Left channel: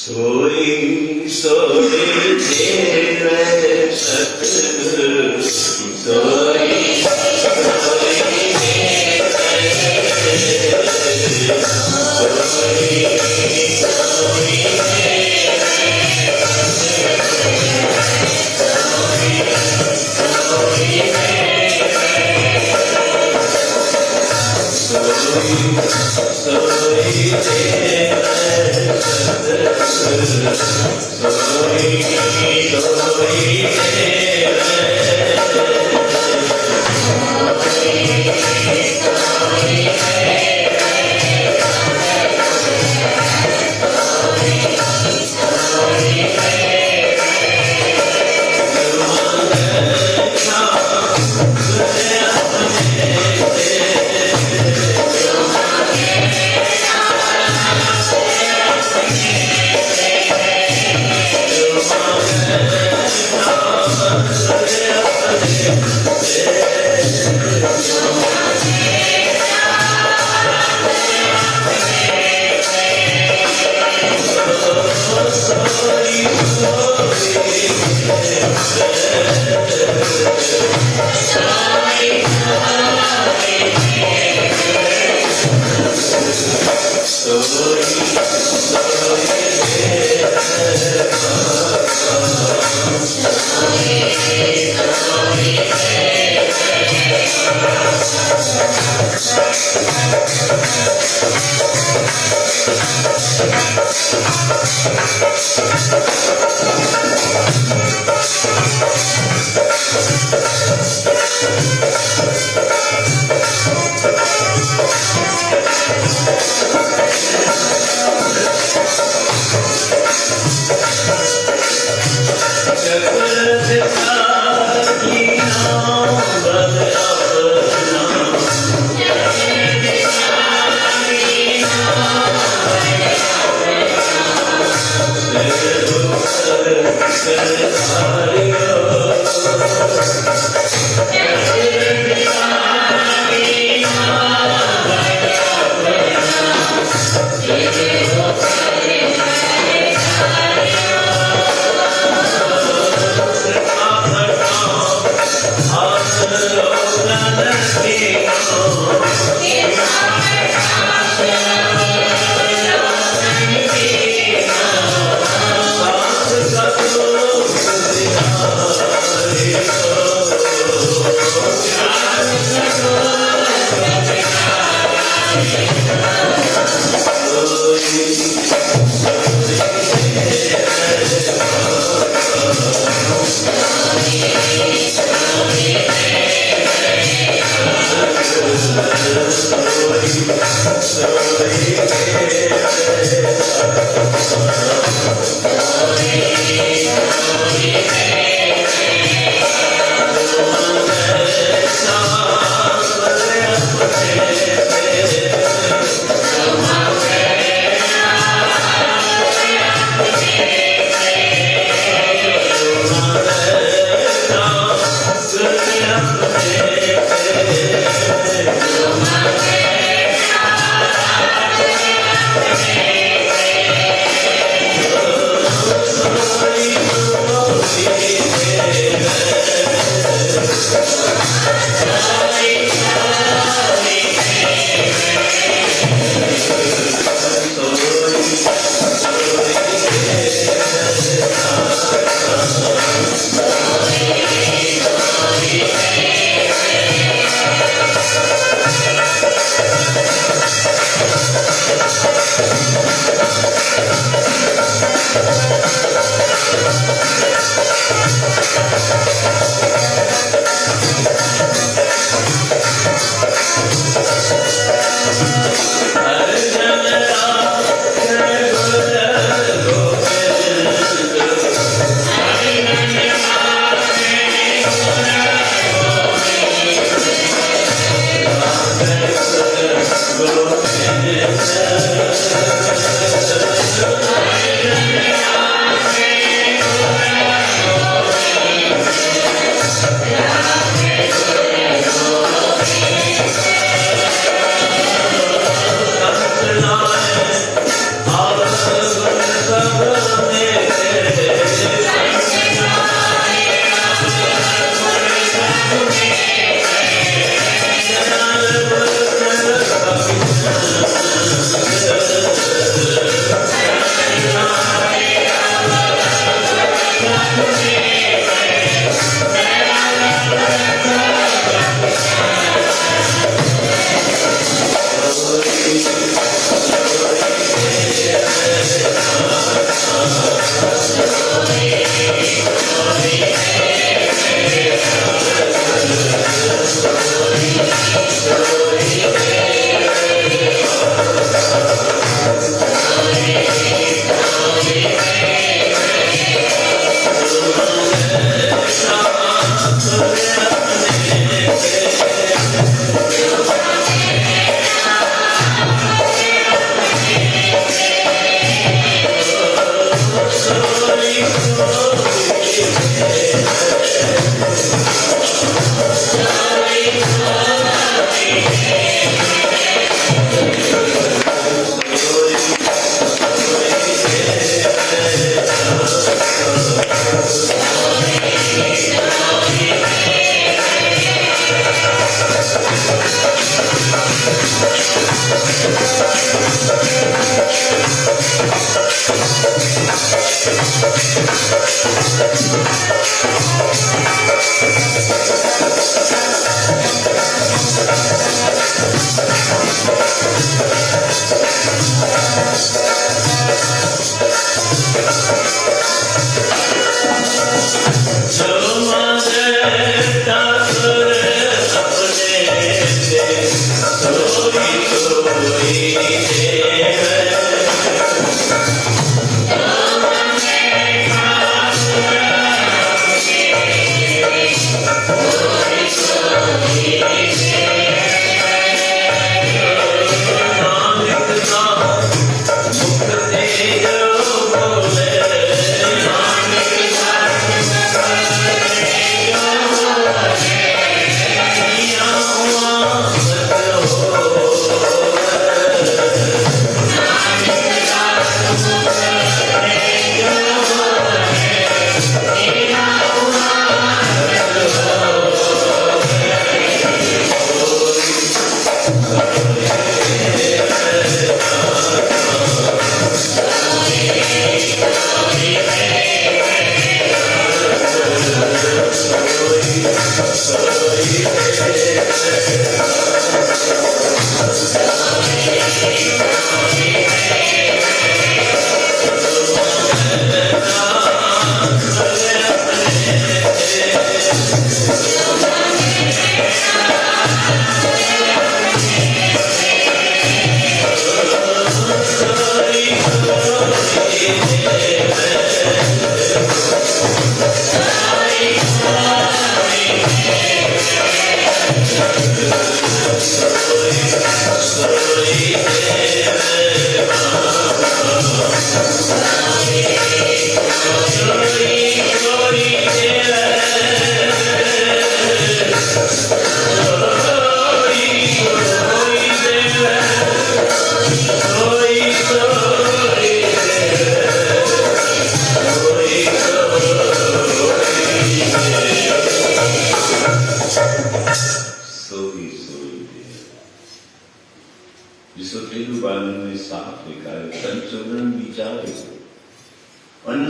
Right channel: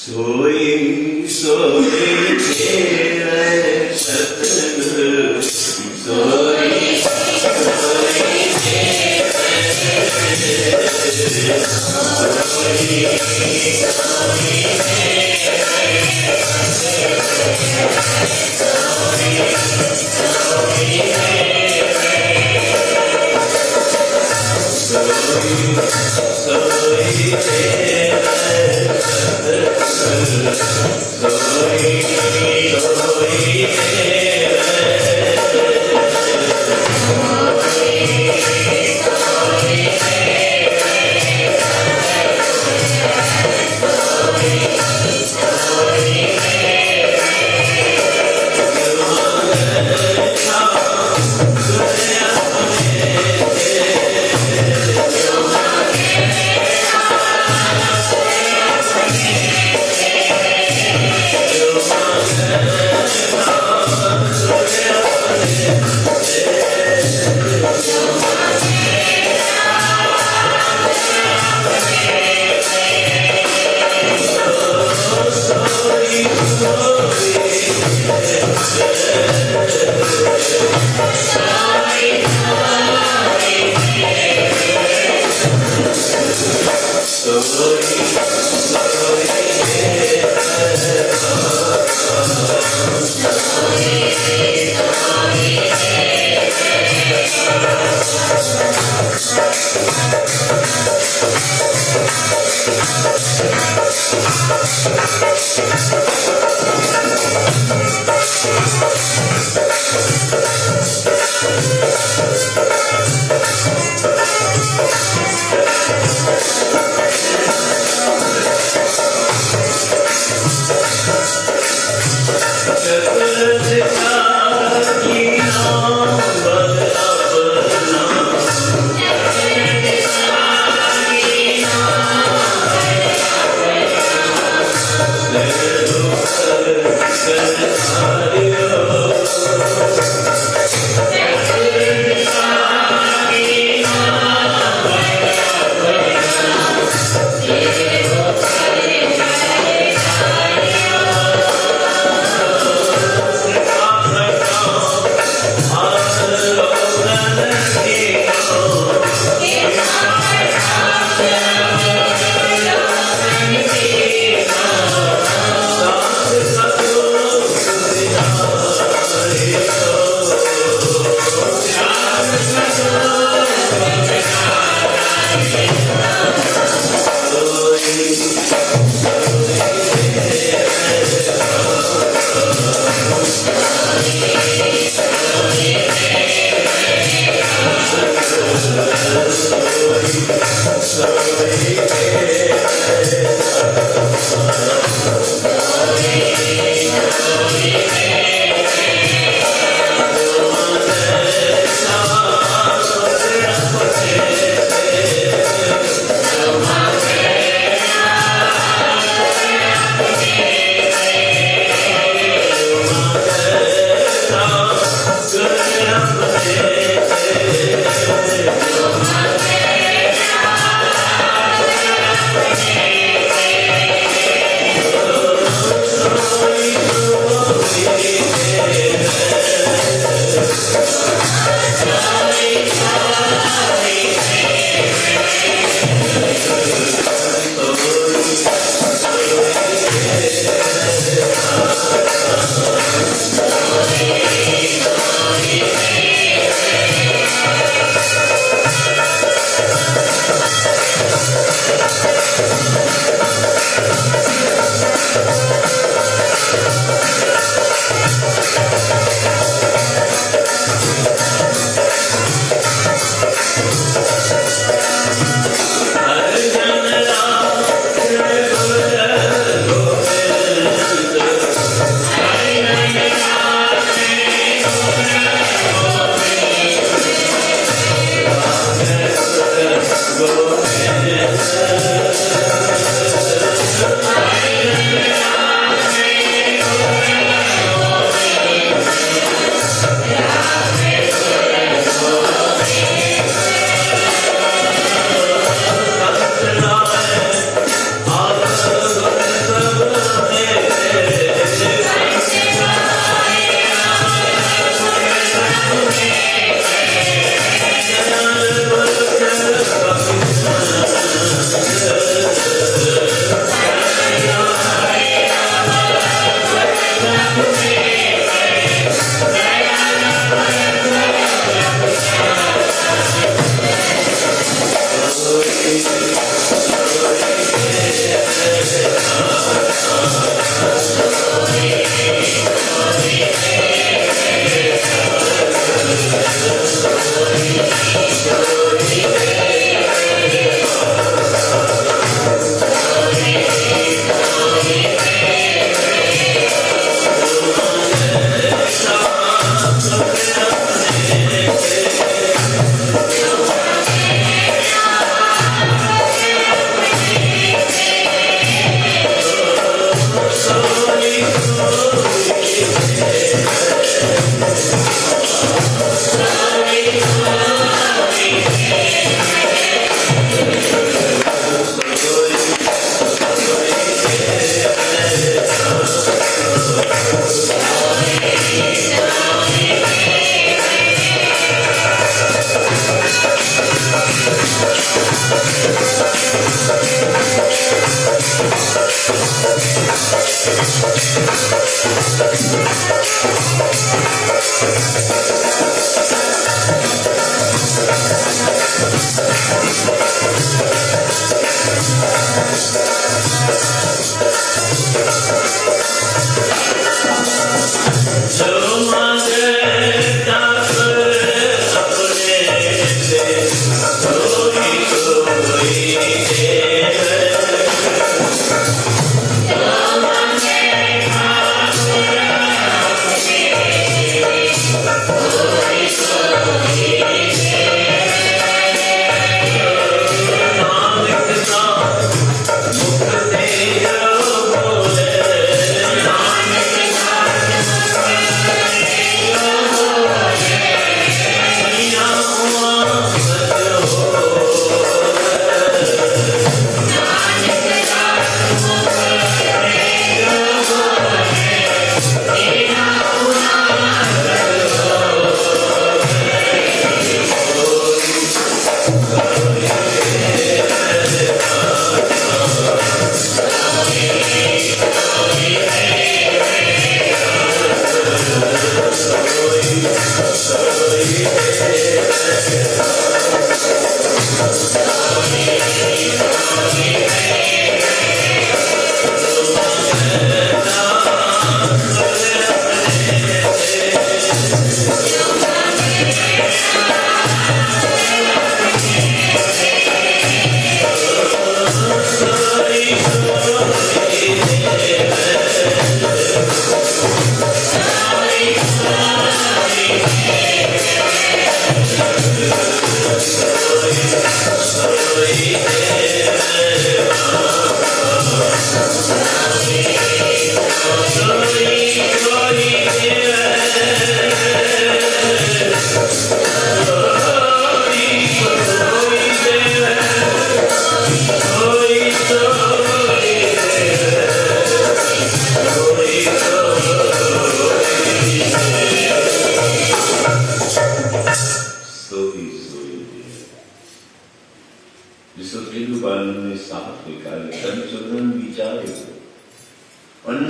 सोई सोई तेरे सतगुरु सोई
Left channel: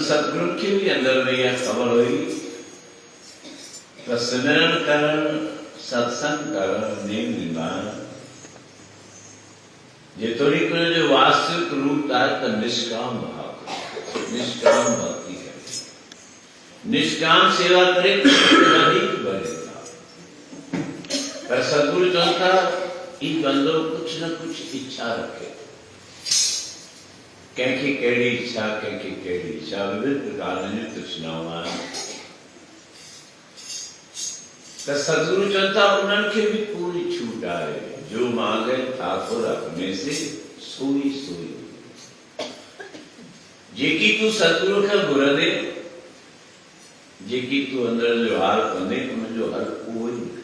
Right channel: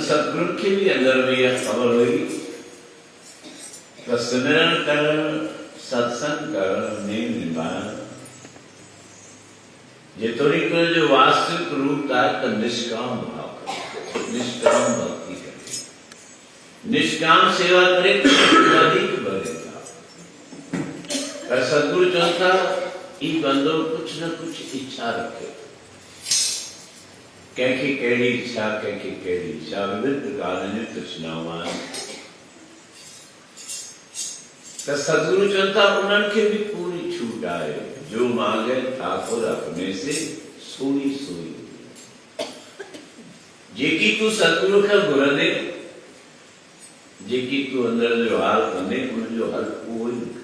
सतगुरु के भी अंदर में यह खबर हुई तो सिमरन करण, सत्संग करण, नेम निभान ये थोड़ी को जो वास्तविक रूप का तो निष्काम भाव करे, निष्काम भक्ति करे, निष्काम सेवा करे तो अधिक बढ़ेगा। पर सतगुरु चौथा ई बंदो कुछ न कुछ इच्छा रखे, कैकी केड़ी इच्छा, कैकी केड़ी इच्छा, विभिन्न प्रकार नृत्य सुनावान तो सतगुरु चौथा उनके भी पूरी छूट आए, जो मांगे ठाकुर अपने से सोई सोई। जेकी तू सतगुरु का गुर दे, जेकी तू अंदर जो हाल कंदे उन जो हल उहो ही निकले।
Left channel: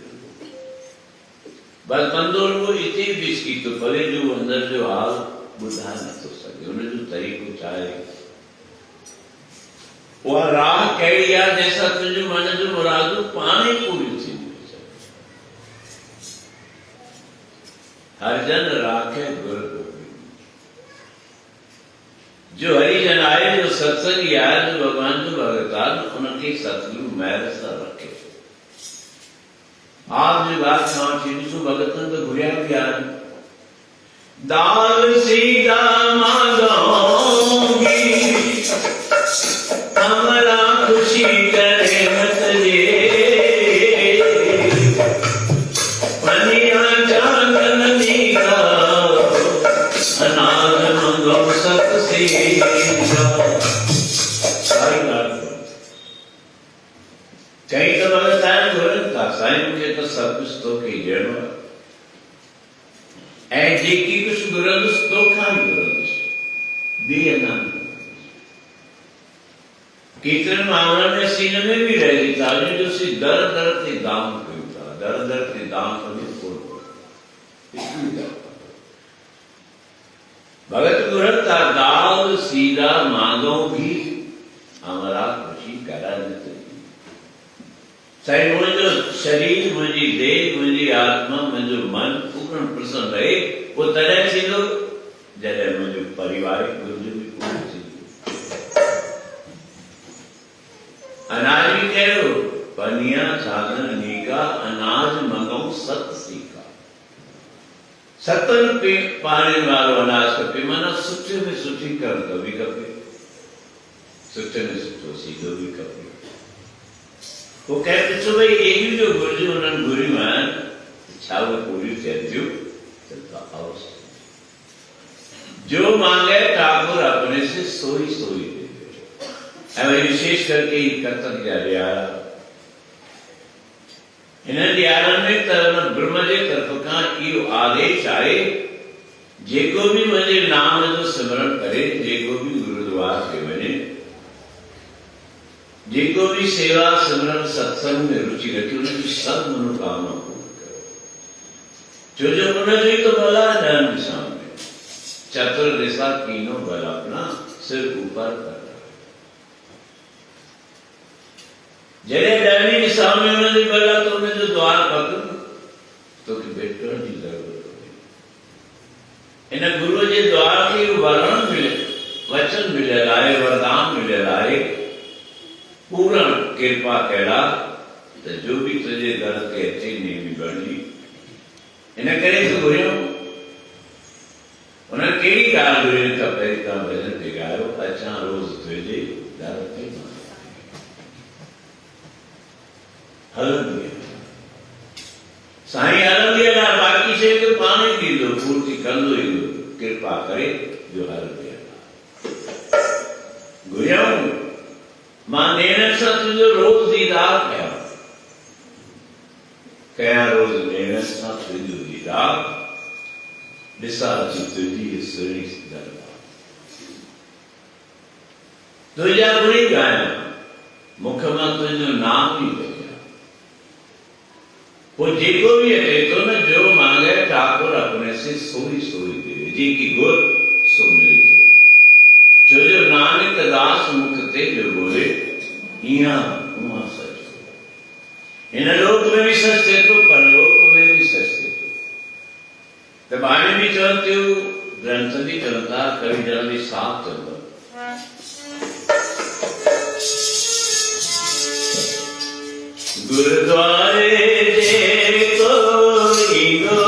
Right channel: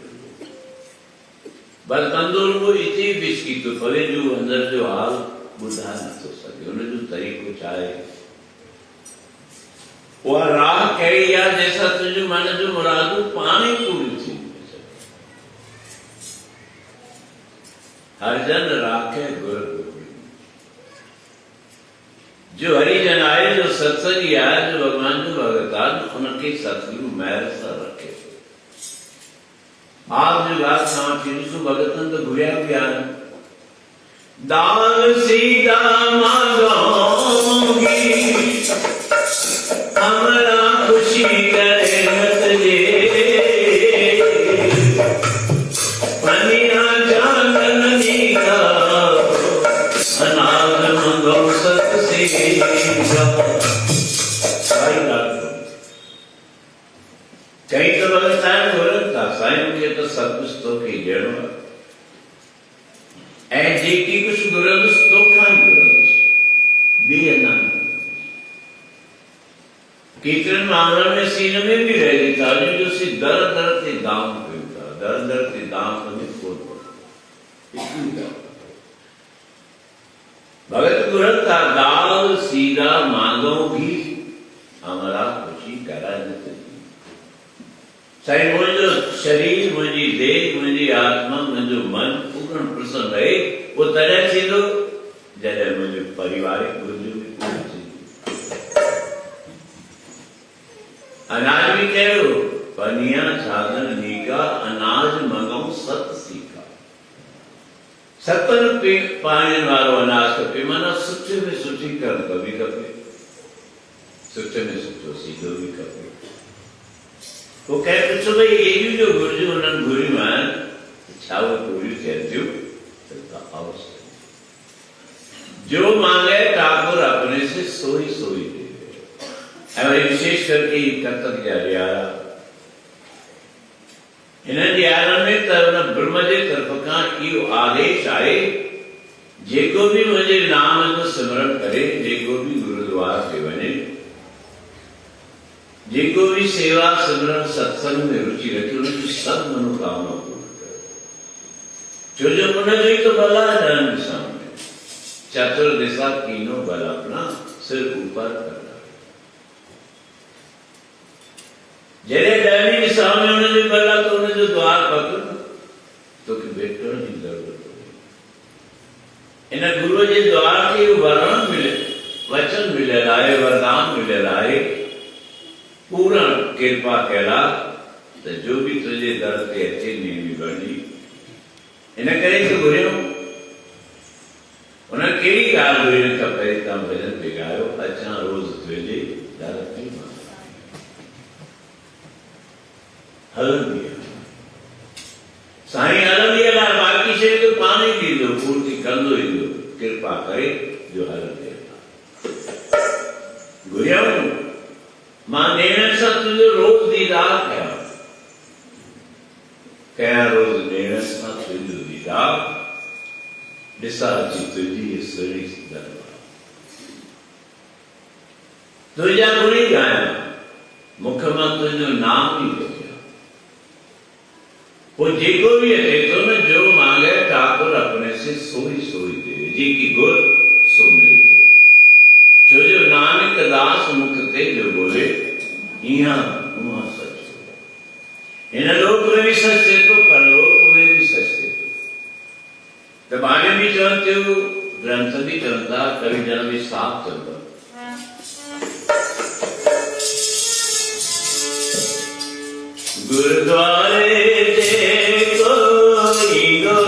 बस बंदो वो इतनी बिस्की तो पले जो अंदर जो हाल बुधा न तो सके, उन्हें जो तरीको चाहे वह राह कही या जैसा तुझे मन जो मुरादू पानी पूरी चीज हर जन राखे गुर जो हरिजन आए, जो सत्संग आए, जो भगवान जो भगतान उनके सतगुरु मैर सा रखे। आप जो बात खाओ चीजू भगतन तो गुरिया ज्ञान दान सीधा मांगोगी हमारा खुशी करे मत जे पनिया जाननी का अनाथ मंगो सत सीधा। कई तो भगत साईं घुरता साईं के तो सब कुछ तो कई जड़ो ऐ जेकी कुछ गुरंदस तो खाई गुरंदस बे अनंत कीर्तन मामले में सीन में भी रहेगी ताली जो सी दर दर के दाम कविता दर दर के दाम कभी खोल भगत गुरता दाल सीधा मांगो भी हमारा खुशी करा नहीं साईं मुझो शरीर मुझी देह मुझी आत्मा मुझो मन पूर्ण प्रसन्न रहे वो तॾहिं थींदो जॾहिं मुझो पारिवारिक घुरिजूं बि पूरी थींदियूं। अनाज भी कहो पनिया साधन नीका अनाज मंगो सत सीका सतन पानी वारो अनाज खपे माना सुठे में सुठी कणक बि खपे सुठे में सुठो सीधो बि खपे। वो कहते छो भाई ये जो घुरिजूं उन्हनि घुरियूं आहिनि छा उहे पूरियूं थियनि थियूं त आओ जो मांगे ठाकुर अपने से सोई सोई दे। वही विशेष करके कतक जा ॾियारा इन ॾियारनि में त ब्रह्म जे तरफ़ खां इहो आदेश आहे जेको बि मुंहिंजे नाम जो सिमरन करे जेको बि गुरुद्वार ते वञे जेको भी सेवा सिमरन सत्संग में रुचि रखी उनकी सब मनोकामना पूर्ण करे जो जो मन जो ही तो भला है ॾहनि दिशा में चतुर दिशा तीनों बल अपना सिर ऊपर कर रहा है जॾहिं ॾहनि दिशा में उनजे बल आहे तो उनजो द्वार पक तो कि भेटण जी ज़रूरत इन गुरुअ जे द्वार खे वरण मिले वचन मिलियल आहे वरदान मिलियल आहे पूर्ण कृपा कैला तो जो भी तुझे दर ते अचे नीवी बणी इन करे तो घुरियो उन कहिड़ी ॻाल्हि घुरियो त पहिरीं तव्हां भॼन ते ॻायो अचां रोज़ तुंहिंजे दर ते हलंदी साईं हलंदी हला बाक़ी शइ तो पाण ई ॾींदो पूर्ति कंदो ईंदो कृपा करे जो हलंदी हला घुरियो मां नेण सां तुंहिंजो रोज़ दीदार कयां रोज़ नेण सां तुंहिंजो दीदार ॾिसां अची तुंहिंजी सुहिणी दरबार तुंहिंजा गुणी ॻायां मुख मां तुंहिंजो नाम ई वठिया वो जेको भी अचे तो न जो मांगे ठाकुर अपने से सोई सोई दे जी की गुर सो मिले तो जो जो नानक दास मुख ते जो बोले इहाँ उहाँ सच इन लोक में भी सच थे तो परलोक में भी सच थे तो बाणी भी चवन थियो ग्रंथ भी चवंदा कवि जन भी साफ चवंदा गुरुद्वारे जे कोई गो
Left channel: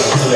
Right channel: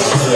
Good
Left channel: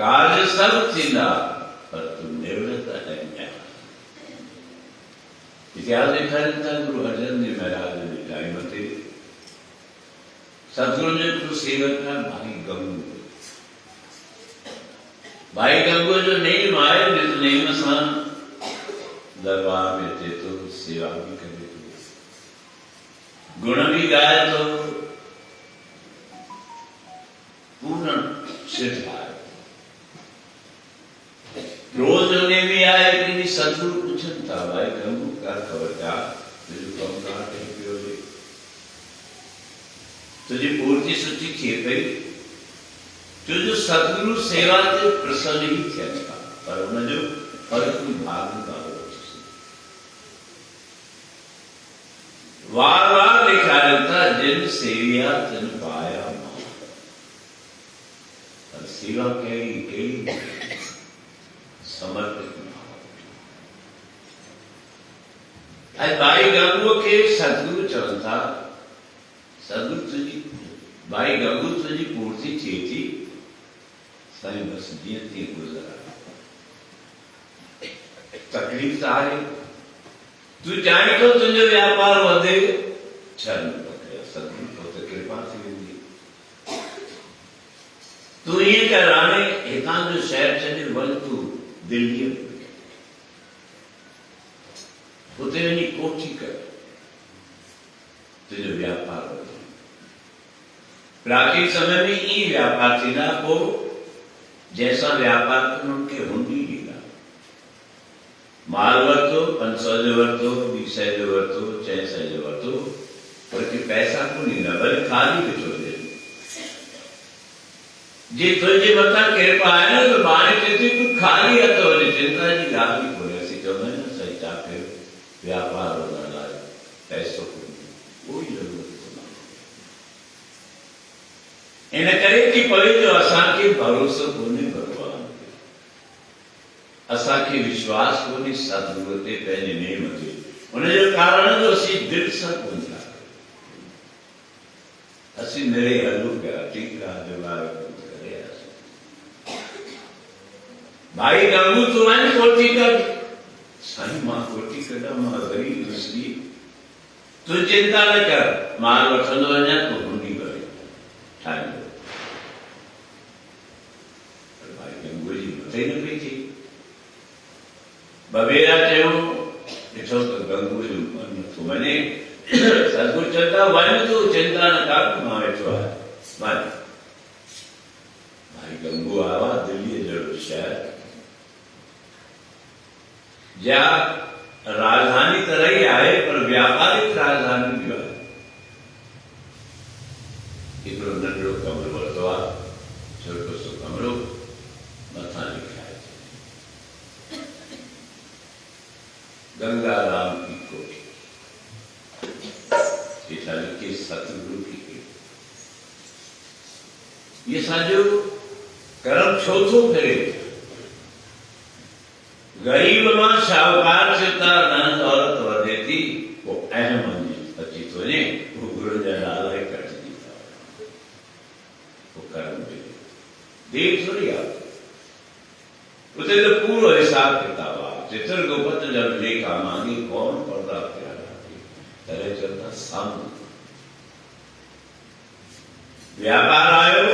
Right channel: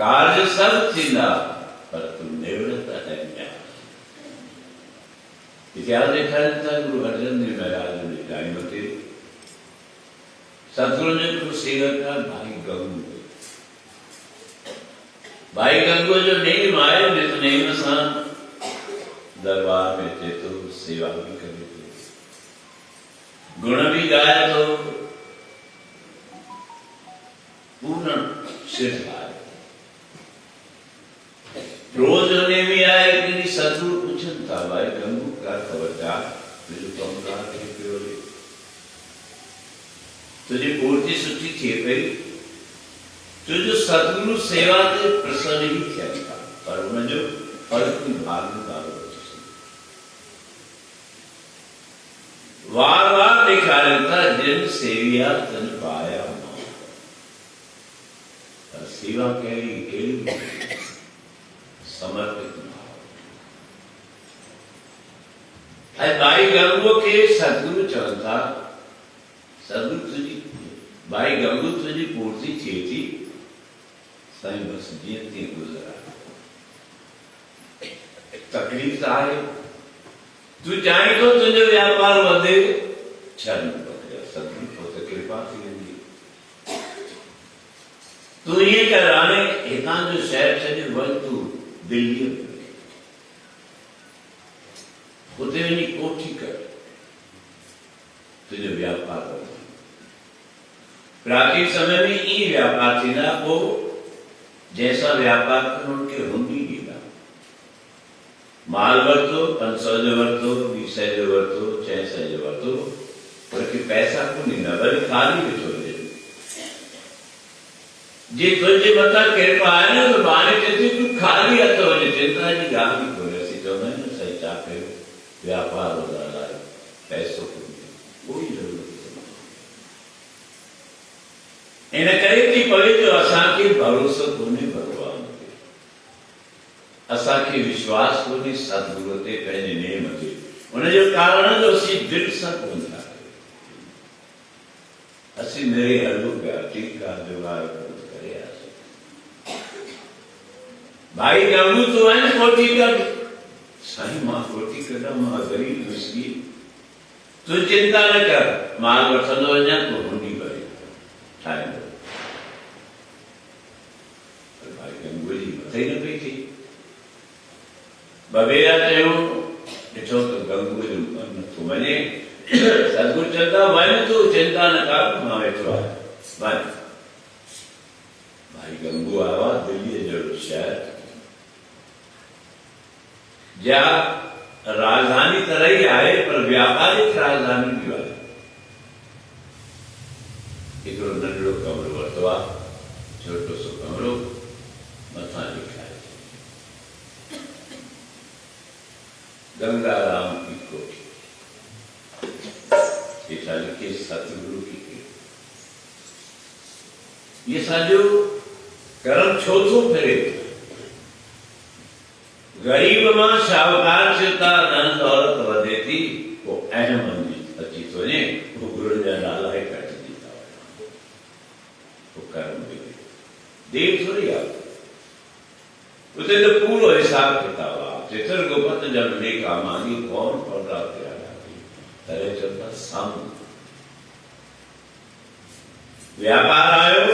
कार्य सब चिन्हा पर तुम निवृत्त है ज्ञान। इतिहास देखा जाता है गुरु अर्जन देव महाराज ने गायमती सदगुरु ने कुछ सेवक का भाई गंगू, भाई गंगू जो नहीं माए नहीं मसान दरबार में थे तो सेवा भी करे तो गुण भी गाए तो पूर्ण सिद्ध आए। रोज ने भी आया कि नहीं सदगुरु पूछन था भाई गंगू का खबर का तुझे कम कहा थे तुझे पूर्ति सुची थे गई तुझे सदगुरु सेवा से प्रसन्न ही किया था पर उन्हें जो फर्क भाग में डालो वार वार लिखा रहता जिन सेविया जन पाया और सेवा केली समर्पित भाई गंगू के सदगुरु चवन था सदगुरु तुझी भाई गंगू तुझी पूर्ति थी साईं बस जीती गुजरा तकलीफ तो आए तू चाहे तो तुझे व्यापार वधे छन पकड़िया सदगुरु को तो कृपा थी वेंदी तू ये कर हाणे हितां जो शहर छॾे वञ तू दिल्लीअ में उते वञी कोठी कर तुंहिंजो व्यापार वधे प्राचीन समय में ई व्यापार थींदा पोइ जैसा व्यापार कनि उनखे हुंडी ॾींदा माल वरितो 500 जो वरितो 200 जो वरितो 600 जो वरितो पर पैसा कोन ॾींदा वरी ख़ाली ॾिठो वञे जे तुंहिंजे मथां कृपा आहे न त ॿार चए थी तूं ख़ाली हथ वञे चिंता जी ॻाल्हि बि कोन्हे असीं चवंदा आहियूं न साईं छा कयो व्यापार वधण लाइ पैसो कोन्हे कोई ज़रूरत इन करे थी पवे जो असांखे भरोसो कोन्हे भगवान ते असांखे विश्वास कोन्हे सतगुरू ते पंहिंजे नेम ते उनजो कारण जो असीं दिलि सां कोन था असीं निरे हलूं पिया ठीकु आहे दिवार करे भाई गंगू तूं वञ कोठी कर साईं मां कोठी कढां मां ग़रीब दुस्ती तूं चिंता न कर माल वठंदो वञा तूं हुंडी भरे ठाहींदो भाई गंगू जी मथे न पई थी बबेरा चयो ॾिठो त गंगू जो मन नथो वञे सतगुरु चवंदा वञ तूं चिंता न कर मां वेठो आहियां वञ भाई गंगू आयो आहे दिल्लीअ जहिड़ो शहर जा राजधानी त रही आहे पर व्यापारिक राजधानी बि आहे हिकिड़ो नंढड़ो कमरो वरितो आहे छोटो सो कमरो मथां लिखाए गंगाराम की कोठी हेठा लिखे सतगुरु की कोठी ये सॼो कर्म छो थो फिरे गरीब मां शाहूकार थियो था धन दौलत वधे थी पोइ अहम अची थो वञे पोइ गुरू जा नाला कटिजी था वञनि पोइ कर्म बिगड़े देर थोरी आहे उते तो पूरो हिसाब किताब आहे चित्र गोपत जब लेखा मांगी कौन पढ़ा तेरा तरे चलता सामू व्यापार आयो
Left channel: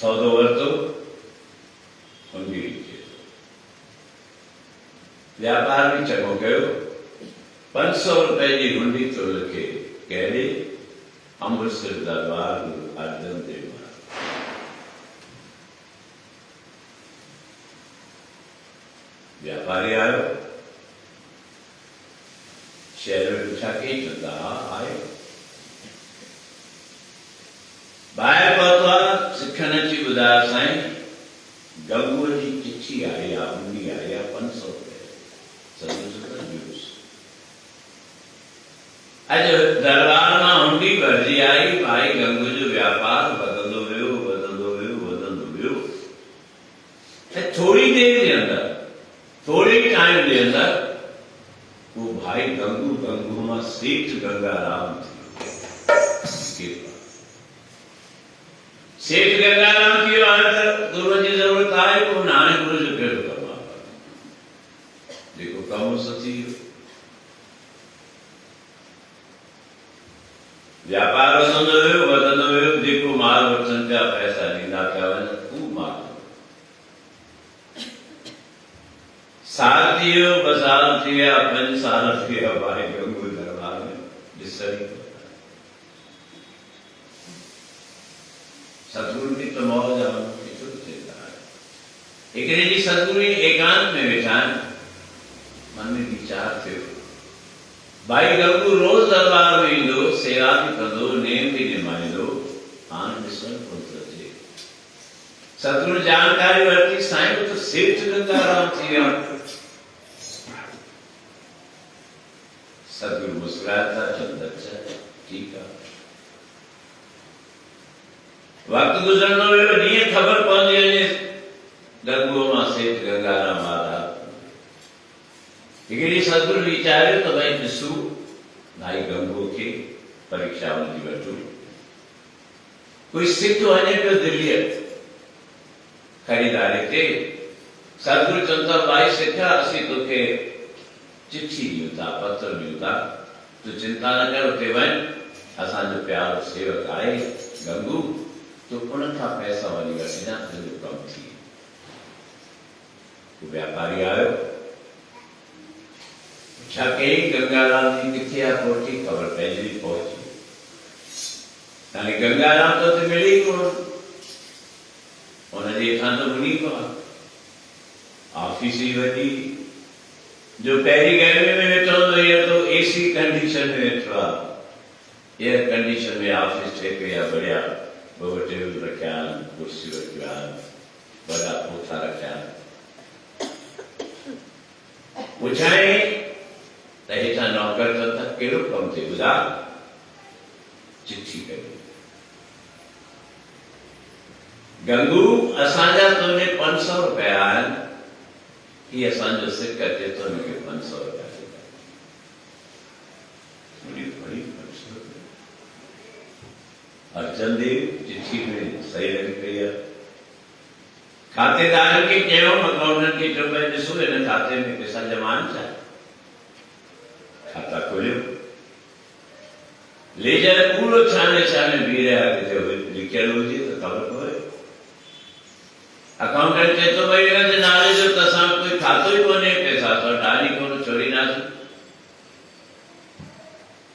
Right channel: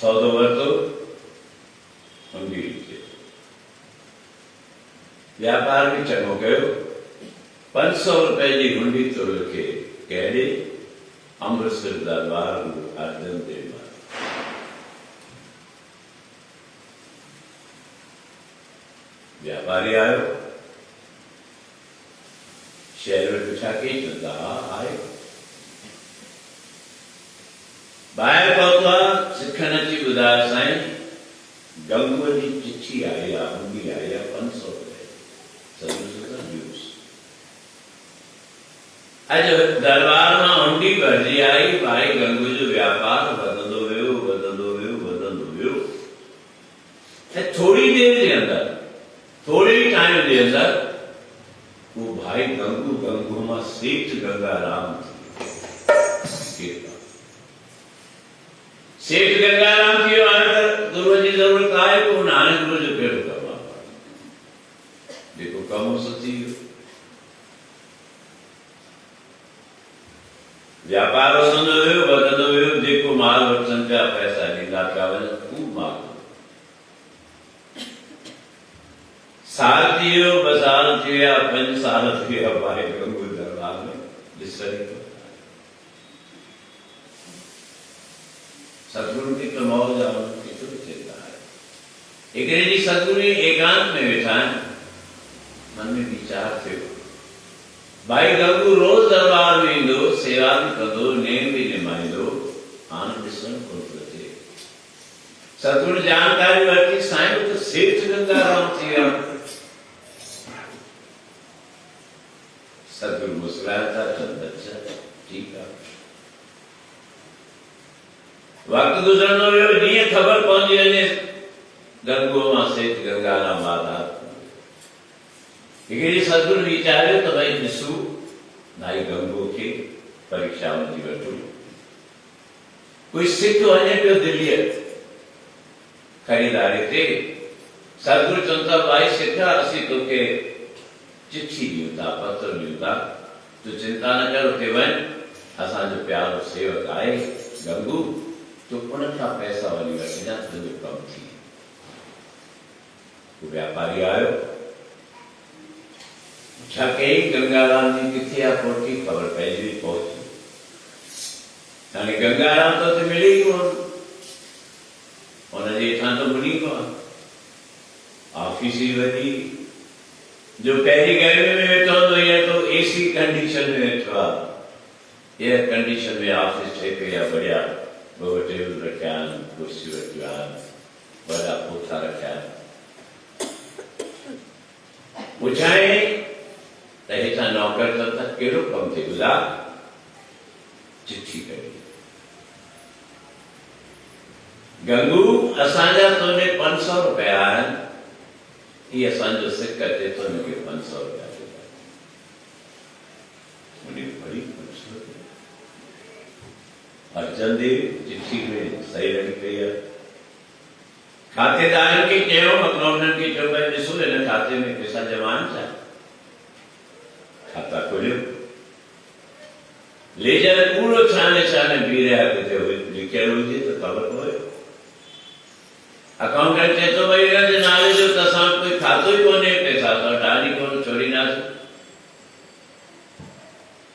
सौदो वरितो हुंडी लिखी व्यापार भी चङो कयो 500 रुपए जी हुंडी तो लिखे कहिड़े अमृतसर दरबार गुरु अर्जन देव व्यापारी आयो शहर में पूछा के चलता आयो ॿाहिरि पहुतो आहे सिखनि अची ॿुधायो साईं गंगूअ जी चिठी आई आहे हुंडी आई आहे 500 अॼु दरबार मां हुंडी भरिजी आई भाई गंगू जो व्यापार वधंदो वियो वधंदो वियो वधंदो वियो ऐं थोरी देर जे अंदर थोरे टाइम जे अंदर वो भाई गंगू मां सेठ गंगाराम थी सेठ गंगाराम थी वियो हाणे त गुरूअ जी ज़रूरत आहे कोन हाणे गुरू जो कहिड़ो कमु आहे जेको कमु थी वियो व्यापार वधंदो वियो जेको माल वठनि पिया पैसा ॾींदा पिया वञनि खूब माल साल थी वियो 2 साल थी विया 5 साल थी विया भाई गंगू दरबार में ॾिसण ई सतगुरु की तो मौज आहे केतिरो थींदा आहे हिकिड़े ॾींहुं सतगुरु एकांत में वेठा आहिनि मन में वीचार थियो भाई गंगू रोज दरबार में ईंदो सेवा भी कंदो नेम भी निभाईंदो हाणे ॾिसण कोन थो अचे सतगुरु जानकारी वरिती साईं तो सेठ गंगाराम थी विया सतगुरु मुस्कुराया चंद अच्छा ठीकु आहे वक्त गुज़रंदो वियो जीअं ख़बर पवंदी वञे गंगूअ मां सेठ गंगाराम महाराज हिकिड़ी सतगुरु वीचारियो त भई ॾिसूं भाई गंगू खे परीक्षा वठी वठूं कोई सिख वञे पियो दिल्लीअ ख़रीदारी ते सतगुरु चवनि था भाई सिख असीं तोखे चिठी ॾियूं था पत्र ॾियूं था तो चिंता न करो कि वन असांजो प्यारो सेवक आहे गंगू तो उन्हनि खां पैसा वरी वठिजां तुंहिंजो कमु थी वो व्यापारी आयो छा कई गंगाराम जी किथे आहे पहुची ख़बर पइजी पहुची हाणे गंगाराम तो उते मिले ई कोन उनजे हेठां तो मुनी को ऑफिस ही वॾी जो पहिरीं गर्मी में वेठो हूंदो हीअ तो एसी कंडीशन में वेठो आहे एयर कंडीशन में ऑफिस ठहे पई आहे बढ़िया ॿ टेबल रखिया आहिनि कुर्सियूं रखियूं आहिनि वॾा पोथा रखिया आहिनि पुछाई त हेठां नौकर त कहिड़ो कमु थिए ॿुधाए चिठी कई गंगू असांजा तुंहिंजे 500 रुपया आहिनि ही असांजो सिक अचे थो हिनखे 500 रुपया ॾिजा मुंहिंजी बड़ी 500 रुपया अर्जन देव चिठी में सही लॻी पई आहे खातेदारनि खे चयो अकाउंटेंट खे चयो भई ॾिसो हिन खाते में पैसा जमा आहिनि छा खाता खोलियो लेजर पूरो छाने छाने बीह रहिया किथे लिखियल हुजे त ख़बर पवे अकाउंटेंट चए थो भई हिन जे नाले जो त असां कोई खातो ई कोन्हे पैसा असां डाली कोन छोड़ींदासीं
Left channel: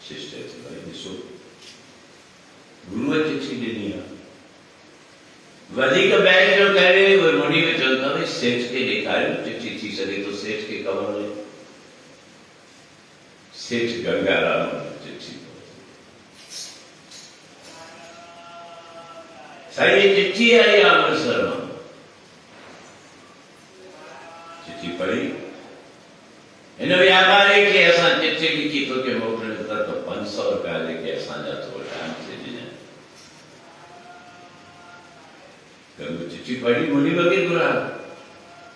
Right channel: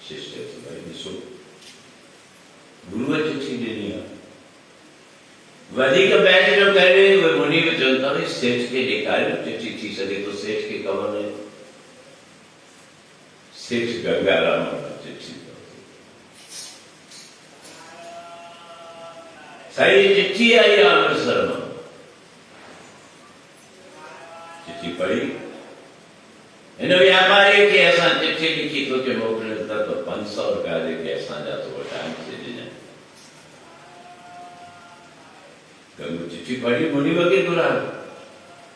शिष्य चयो भई ॾिसो गुरुअ चिठी ॾिनी आहे वधीक बैच जो करे उहे मुनी खे चवनि था भई सेठ खे ॾेखारियो चिठी थी सघे थो सेठ खे ख़बर न सेठ गंगाराम चिठी साईं चिठी आई आहे अमृतसर मां चिठी पढ़ी हिन व्यापारी खे असां चिठी लिखी तोखे मोकिलियो त 500 रुपया जेके असांजा तो टाइम से ॾिजांइ गंगू चिठी पढ़ी मुनी वगे घुरा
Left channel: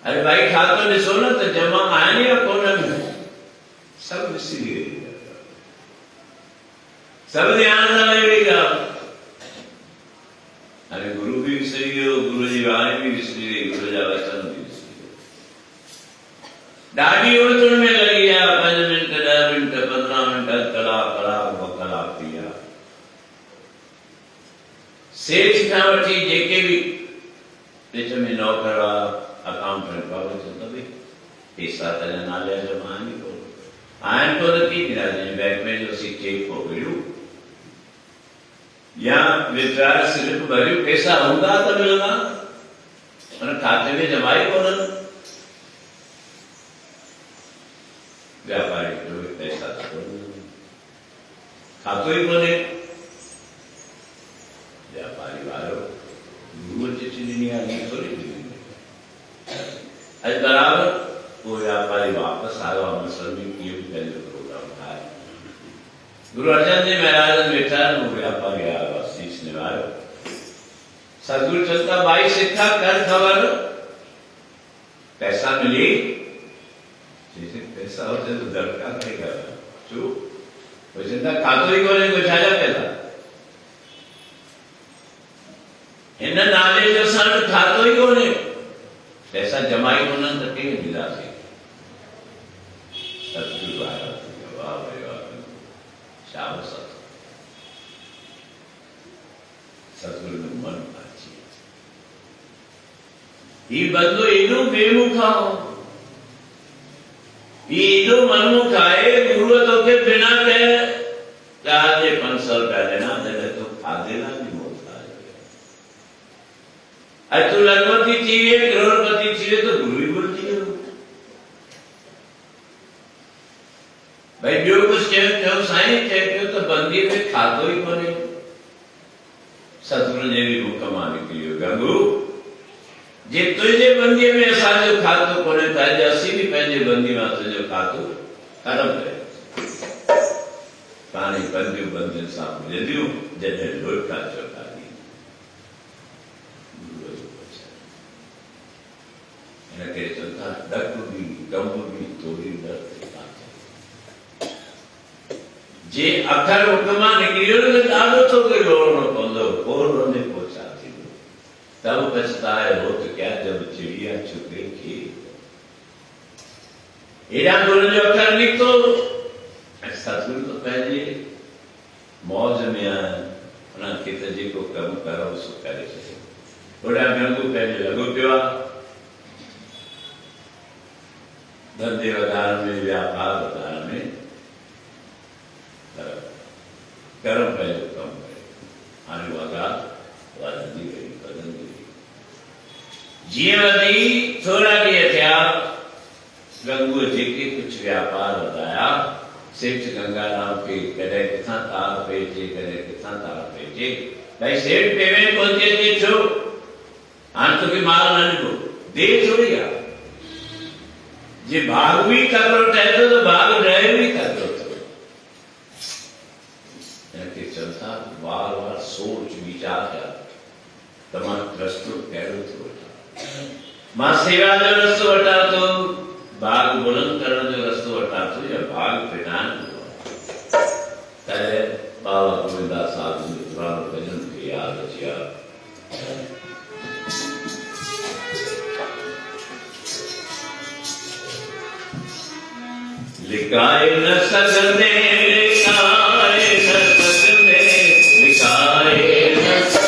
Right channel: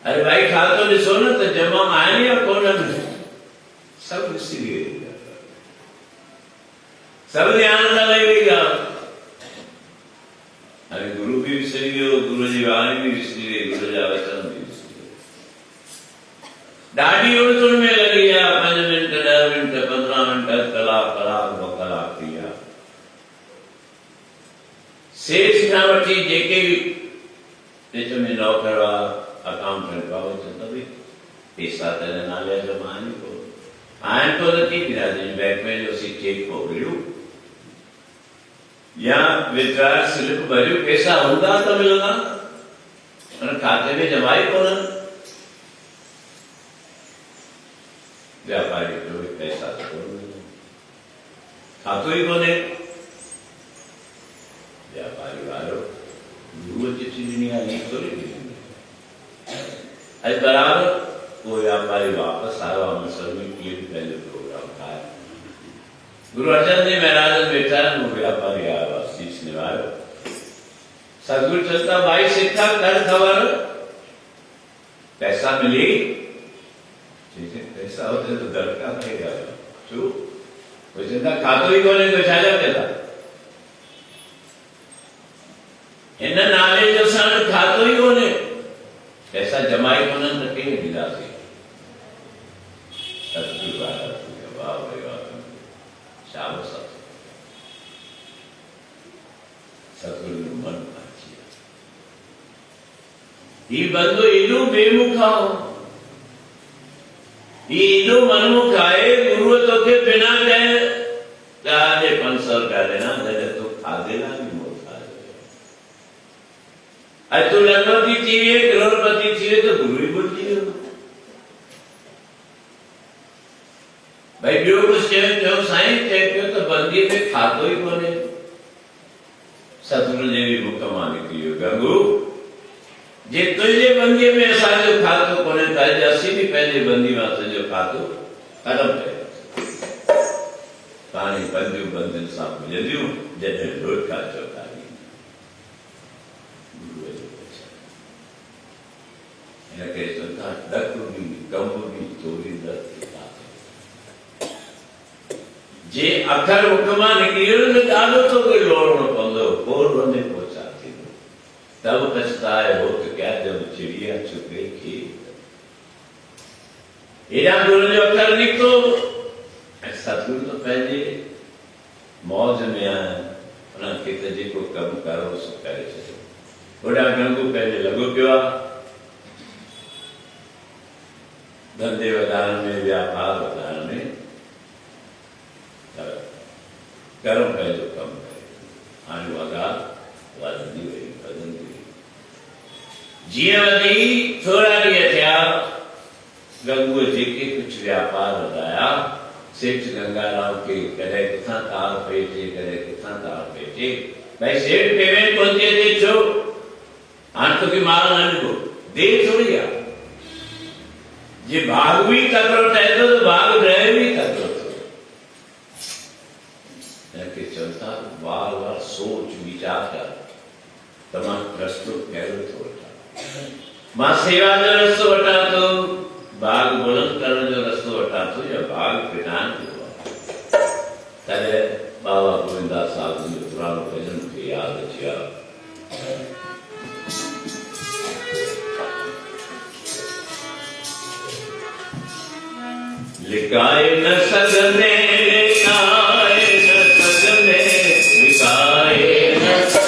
अरे भाई खातो ॾिसो न त जमा आहिनि या कोन्हनि सब विसरी वई सब ध्यान सां वही वई ॻाल्हि अरे गुरु भी विसरी वियो गुरु जी वाणी भी विसरी वई गुरु जा वचन भी विसरी वियो ॾाढी उणतुण में लॻी विया 5 मिंट 10 मिंट 15 मिंट कलाक 2 कलाक थी विया सेठ खां वठी जेके भी विच में नौकर हुआ अकाउंटेंट हुआ चवंदा भई पैसा त नाले जमा आहिनि कोन आहिनि कोन थी बिरादरी बैंक में जो सी चेक हो विड़ियो या विड्रॉल स्लिप भरियो पैसा हूंदा त मिलंदा पर खाते में जमा ई कोन्हनि व्यापारी जो पैसा खातो ई कोन्हे व्यापारी वारो गुरुअ चिठी ॾिनी आहे ईअं थोरी ॾिनी अॼु बराबरि वो व्यापारी वापस आयो अमृतसर में किए भी पहले प्रोग्राम था गुरु अर्जन देव महाराज बैठा वो व्यापारी आया शीश निवार सदगुरु चलता भाई सिक्का कर खबर पैसा मिली पैसा होते तो दरकार रहेगा जो वो चिंता खातो ही कोने को छाजा पैदा इन नाले जो सन खातो ही कोने पैसा जमाई कोने तो के ॾींदासीं सतगुरु वाह भाई वाह शाबाश सतगुरु ने मन अची ही बंदो एॾो बेमुखा ही एॾो मनमुख आहे गुरुअ तोखे बिना कहे तव्हांजे 500 रुपया ॾिना जॾहिं तूं खाधे लाइ बि मोटा अॼु तूं लखपति थी विए करोड़पति थी विए तो गुरु ई भुलिजी वियो भाई ॿियो कुझु चयो साईं चए पियो त बंदीअ में खाधो ई कोन्हे सतगुरु जे बि मुख मां निकिरी वियो गंगू जे तुंहिंजे बंदीअ में असांजो खातो कोन्हे त अॼु असीं बि पंहिंजे बंदी मां तुंहिंजो खातो ख़तमु कयो कहाणी बंदियूं बंदियुनि सां मिलंदियूं जॾहिं रोज़गार चौधारी गुरुअ जो वचन हिन करे चवनि था ॾक बि कम बि थोरी न जे अखर मुख मां निकिरी वियो त ॾाढो तोखे लोड़णो पवंदो पोइ वञे पोइ छा थींदो तब पछताए हो त क्या जब चिड़िया छुपे खे हेॾा गुरू जो अखर निकितो सतगुरु तो पहले मौज में आए उन्हें किते जी को कम करो सो करे सके बुढ़ा गंगू पहले लगो पियो धंधे वधारण में व्यापार वधारण में कर्म पहले कम करे हाणे वगा वधंदी वई वधंदी वई जीअं वधी थोरा ॾींहं थिया गंगूअ जेके कुझु व्यापार वधाया सेठ गंगाराम के कॾहिं किथां तार पइजे कॾहिं किथां तार पइजे भाई सेठ पेमेंट कोन थी अचे छो हाणे तोखे माल न ॾिबो देरि थोरी आहे जे भाग भी तकड़ो ठहे थो त भाग रहे भी तकड़ो थो हिनखे चवनि था बार बार सोच वीचार कर त मां रस्तो कहिड़ो थो वठां मां सेवा जो रस्तो वठां थो भाग बुलंद करण जो रस्तो वठां थो या भाग फिटाइण जो तॾहिं बाबा गोविंदास साहिब जो पुराणो भॼन मूंखे यादि अची वियो लिकाए न सघंदे लिकाए न सघंदे लिकाए न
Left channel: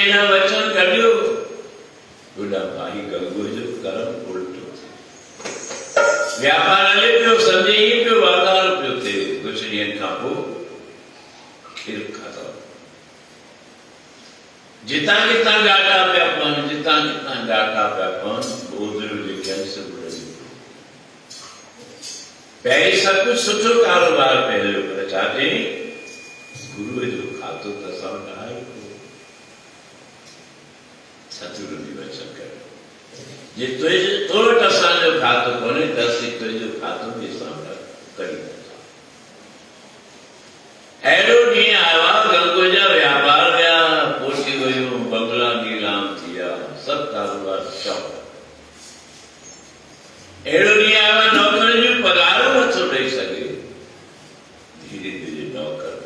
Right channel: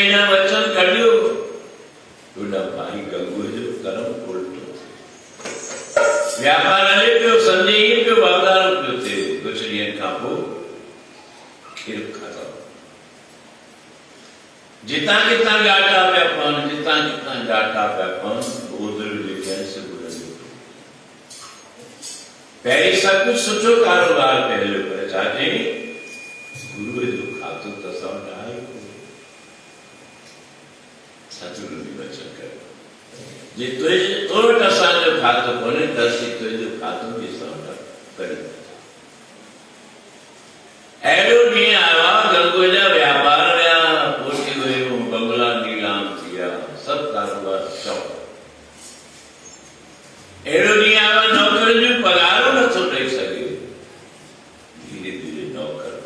एना वचन कढियो तुडा भाई गंगू जो करम उल्टो व्यापार हले पियो संदेही पियो वाधार पियो थे कुछ ॾींहनि खां पोइ खीर खाधो जितां कितां ॾाढा पिया पवनि जितां कितां ॾाढा पिया पवनि बोधर लिखियलु सुबुह जो पहिरीं सभु कुझु सुठो कारोबार पहिरियों पर छा चई गुरूअ जो खातो त असां वटि आहे सतगुरु बि वचन कयो जे तुंहिंजे तो वटि असांजो खातो कोन्हे त असीं तुंहिंजो खातो बि असां वटि कढी अहिड़ो ॾींहुं आयो आहे गंगो जा व्यापार विया पोटी वियूं बंगला नीलाम थी विया सभु कारोबार शौक़ अहिड़ो ॾींहुं आयो आहे नौकरियुनि जो पघार नथो ॾेई सघे धीरे धीरे नौकर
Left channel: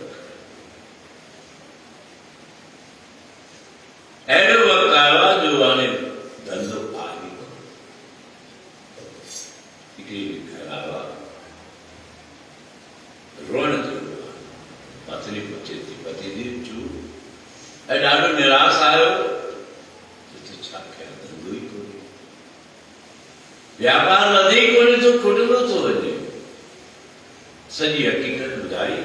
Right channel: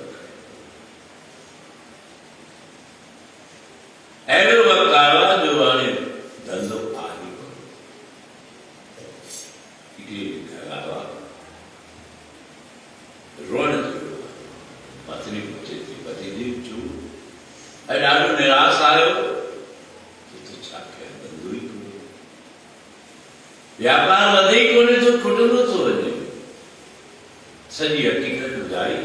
अहिड़ो वक़्तु आयो आहे जो हाणे धंधो आहे घर आयो आहे रोअण पत्नी पुछे थी पति जी चू ऐं ॾाढो निराश आयो छा कयां धंधो ई कोन्हे व्यापार वधे ई कोन्हे तो खुटंदो थो वञे सॼी हक़ीक़त ॿुधाई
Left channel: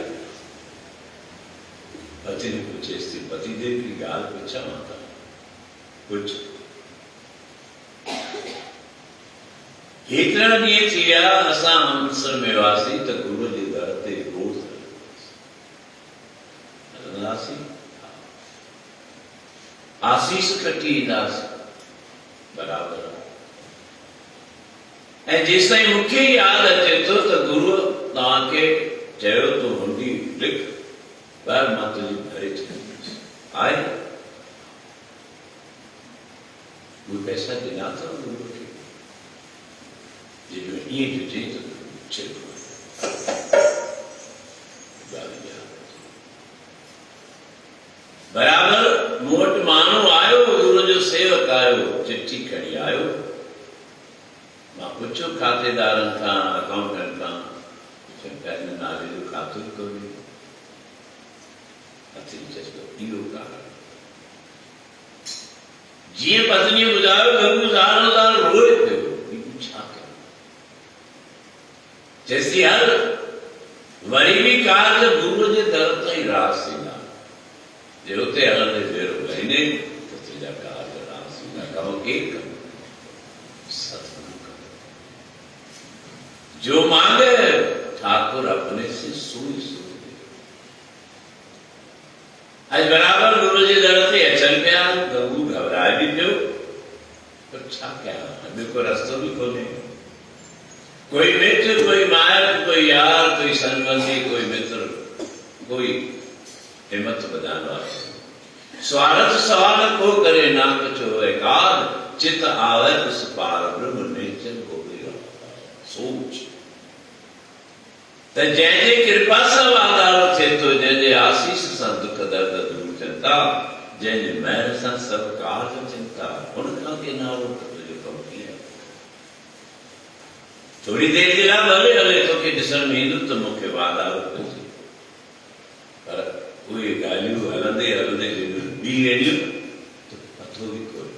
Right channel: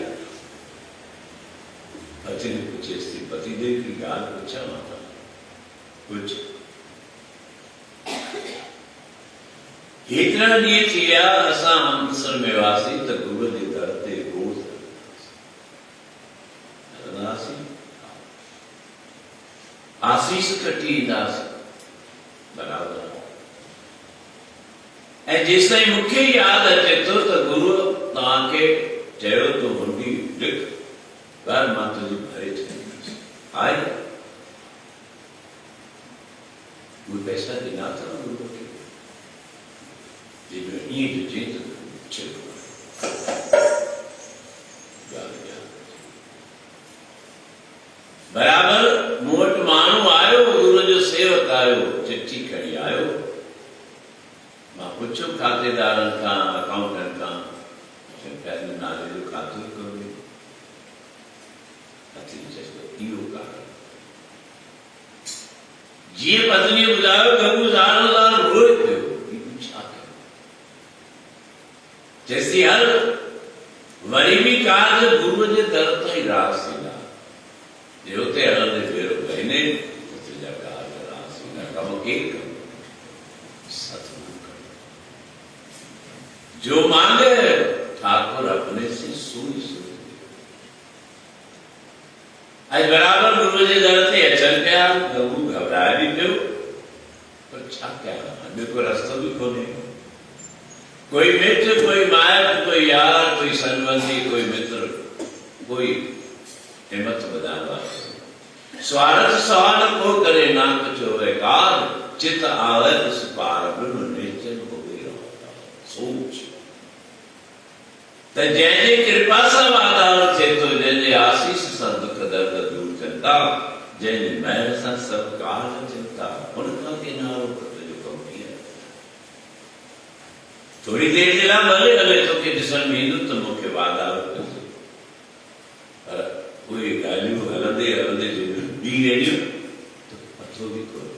पत्नी पुछेसि थी पति देव जी ॻाल्हि पुछां मां त कुझु हेतिरा ॾींहं थी विया असां अमृतसर में हुआसीं त गुरूअ जे दर ते रोज़ हलंदासीं आसीस कटी ईंदासीं बराबरि ऐं जेसिताईं मूंखे यादि अचे थो त गुरूअ तव्हांखे चयो तो हुंडी लिख पर मां तुंहिंजी भरे छॾींदुसि आहे उहे पैसा ॾिना अथव गुरूअ खे ईअं ॾिजे त बराबरि मूं वटि माण्हू आयो गुरूअ जो सेवक आयो चिठी खणी आयो मां पुछियो खातेदारनि खां अकाउंटेंट खां पंहिंजे नाले जो खातो ई कोन्हे चए थो इहो कारण जीअं पत्नीअ ॿुधायो गंगू ज़ारो रोए पियो छा कयो चएसि हल वरी बि कार्य गुरूअ जे दर ताईं रास ईंदा जे हुते हलंदे भेरो हिन तुंहिंजा कार्य रास ईंदा कम केरु कंदो सतगुरु कंदो जो मांगे ठाकुर अपने से सोई सोई आज बराबर गुरु जे दर ते अचनि पिया गंगू घबराए बि पियो पर छा कयां ॿियो को रस्तो बि कोन्हे कोई मित्र कोई माइट कोई यार कोई संबंधी कोई मित्र कोई हिम्मत ॿधाइण वारो स्वार्थ सवाल को करे नानक चयो एकाद चित आवे उस पार ब्रह्म निश्चल हो गई सोच त जंहिंजे कृपा सां वाधारो थिए थो जंहिंजे आसीस सां दुख दर्द दूर थियनि था जंहिंजी महिर सां सभु कार्य थियनि था हुन खां के नालो जो कमु कीअं थोरी देरि जे लाइ भले हले तोखे ॾिसण में ईंदो त मूंखे वाधारो कयो पर उहे ॻाल्हियूं हलंदे हलंदे ॿी अहिड़ियूं पतो बि कोन्हे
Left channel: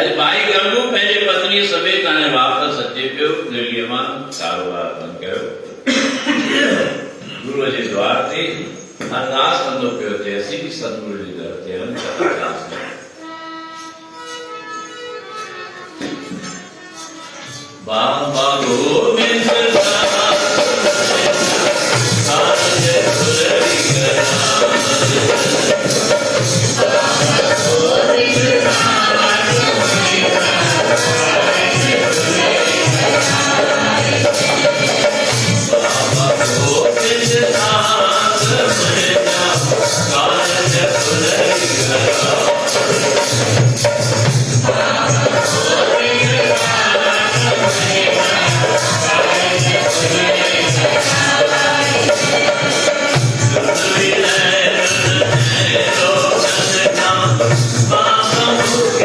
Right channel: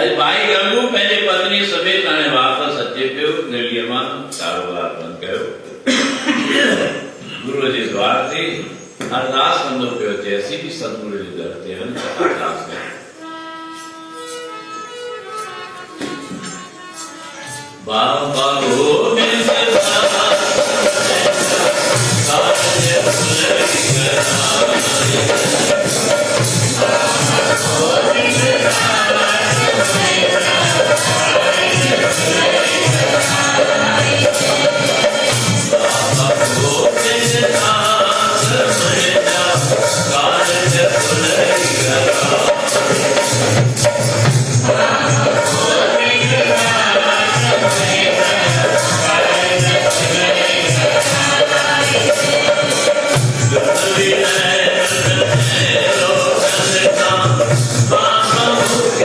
अॼु भाई गंगू पंहिंजे पत्नीअ समेत हाणे वापसि अचे पियो दिल्लीअ मां कारोबार बंदि कयो गुरूअ जे द्वार ते अरदास कंदो पियो अचे असीं बि सतगुरू जे दर ते हलूं अरदास कयूं बाबा गोविंद Bye.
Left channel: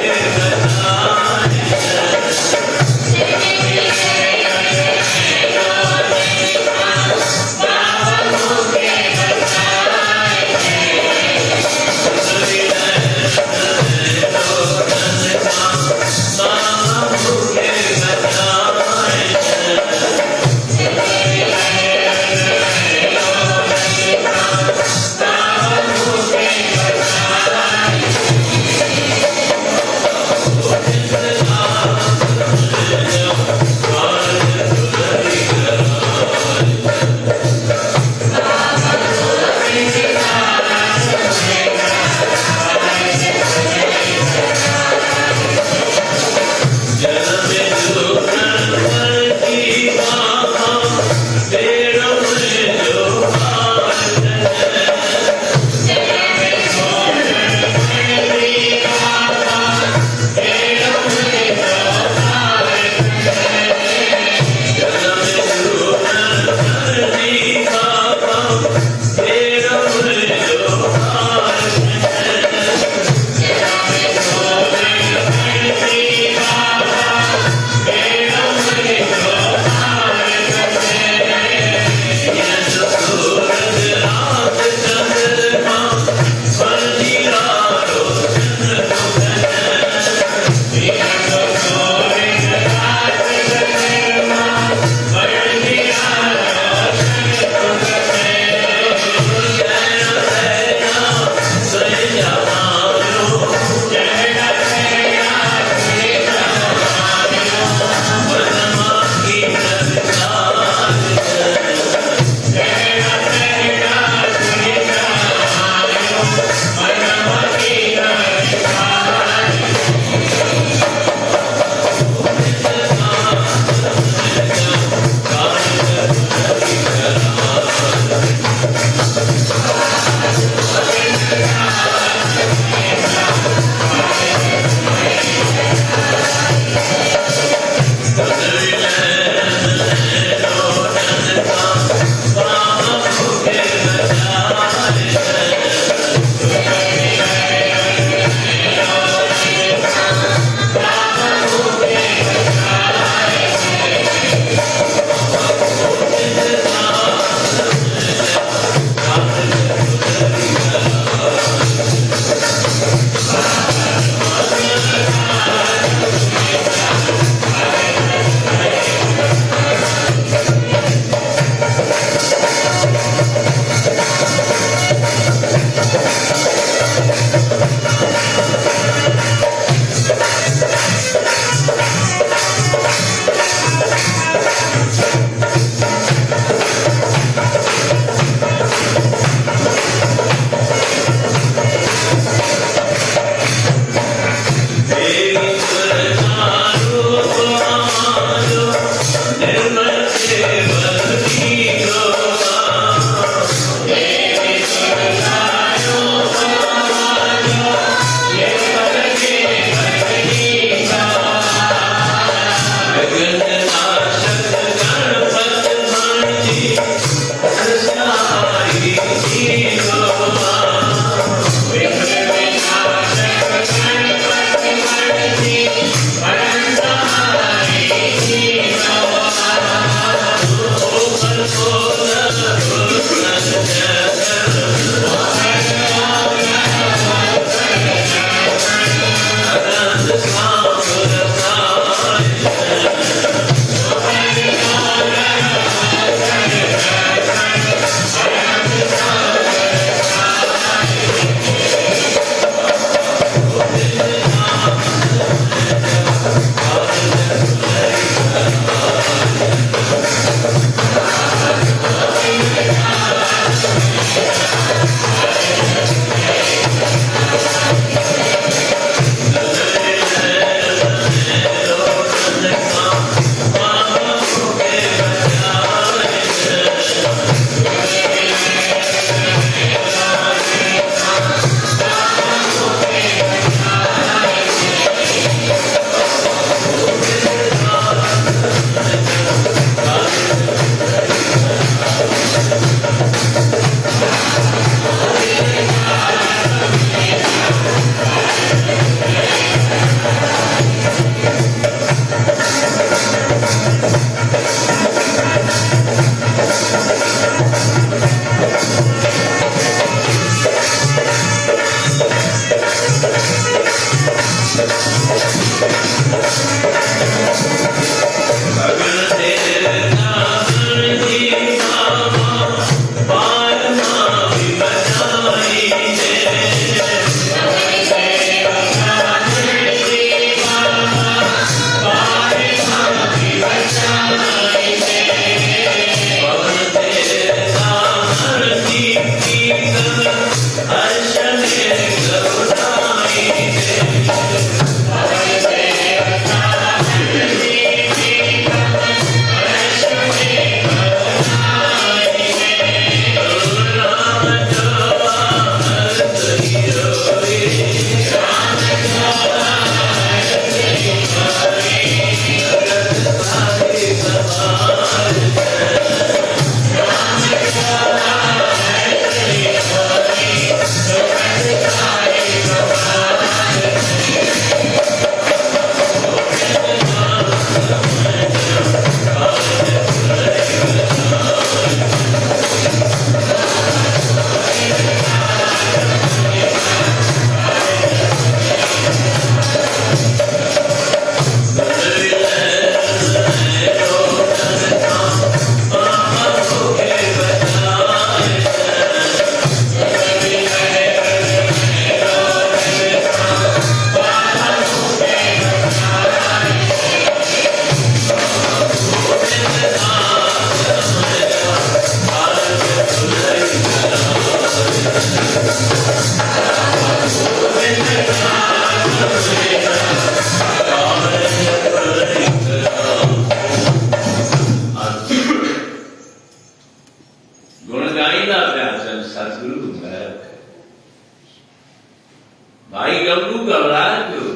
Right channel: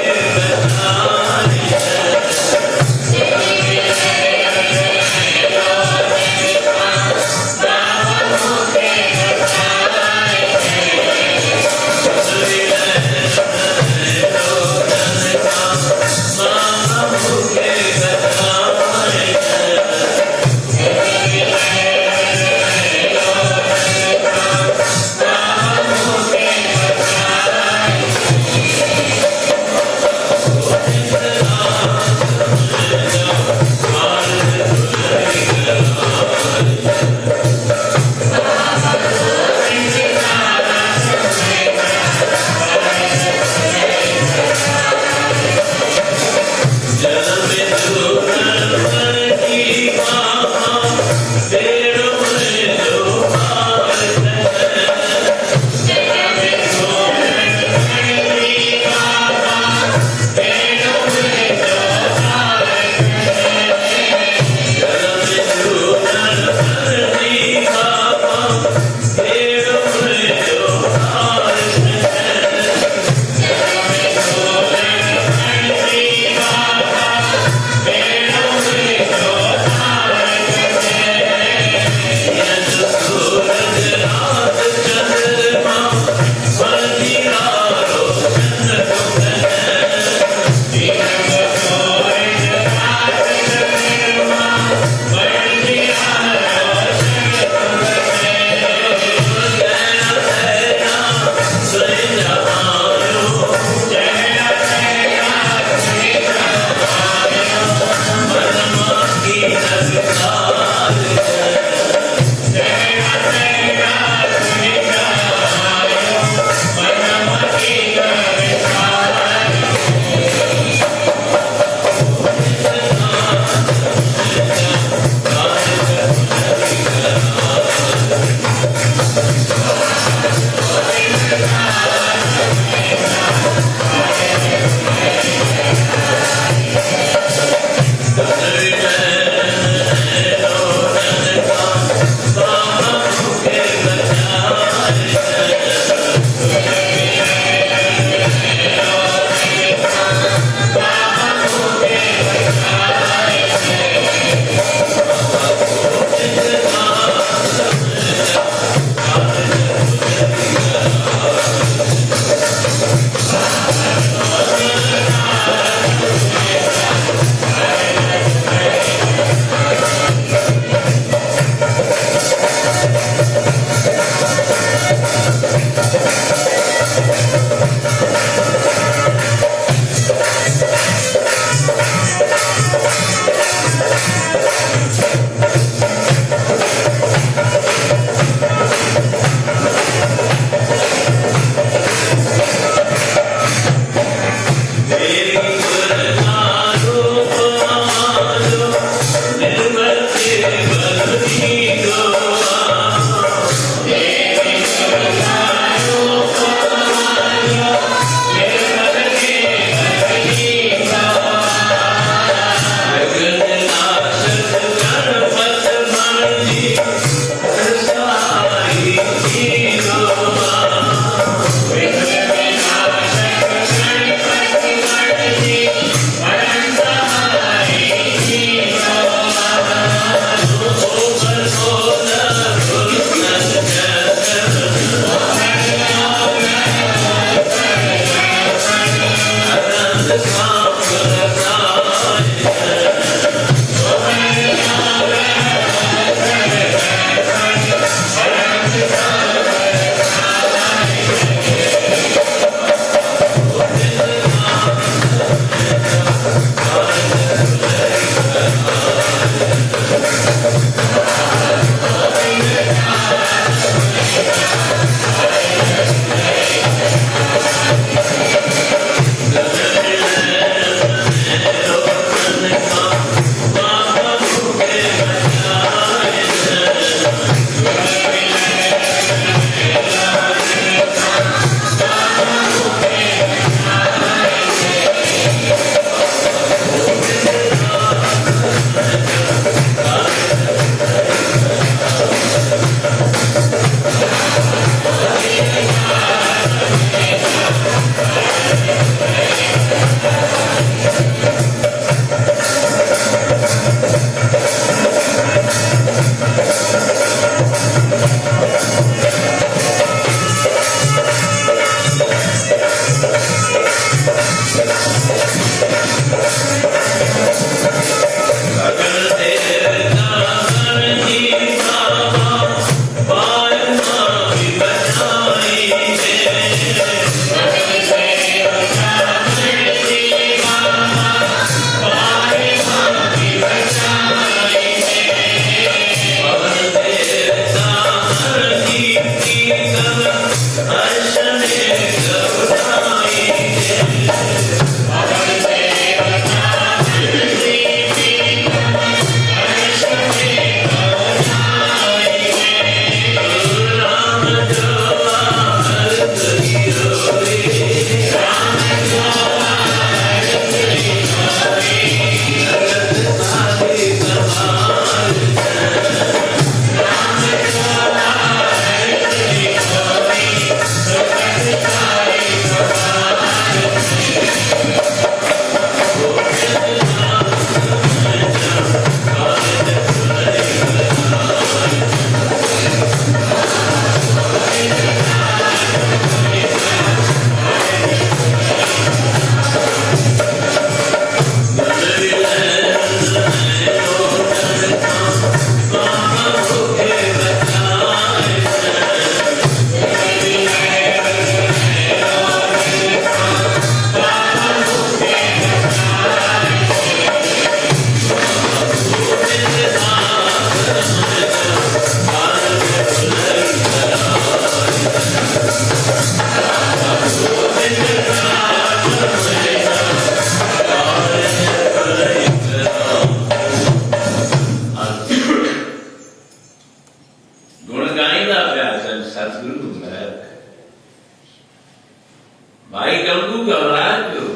भाई गंगू घबराए क्यों?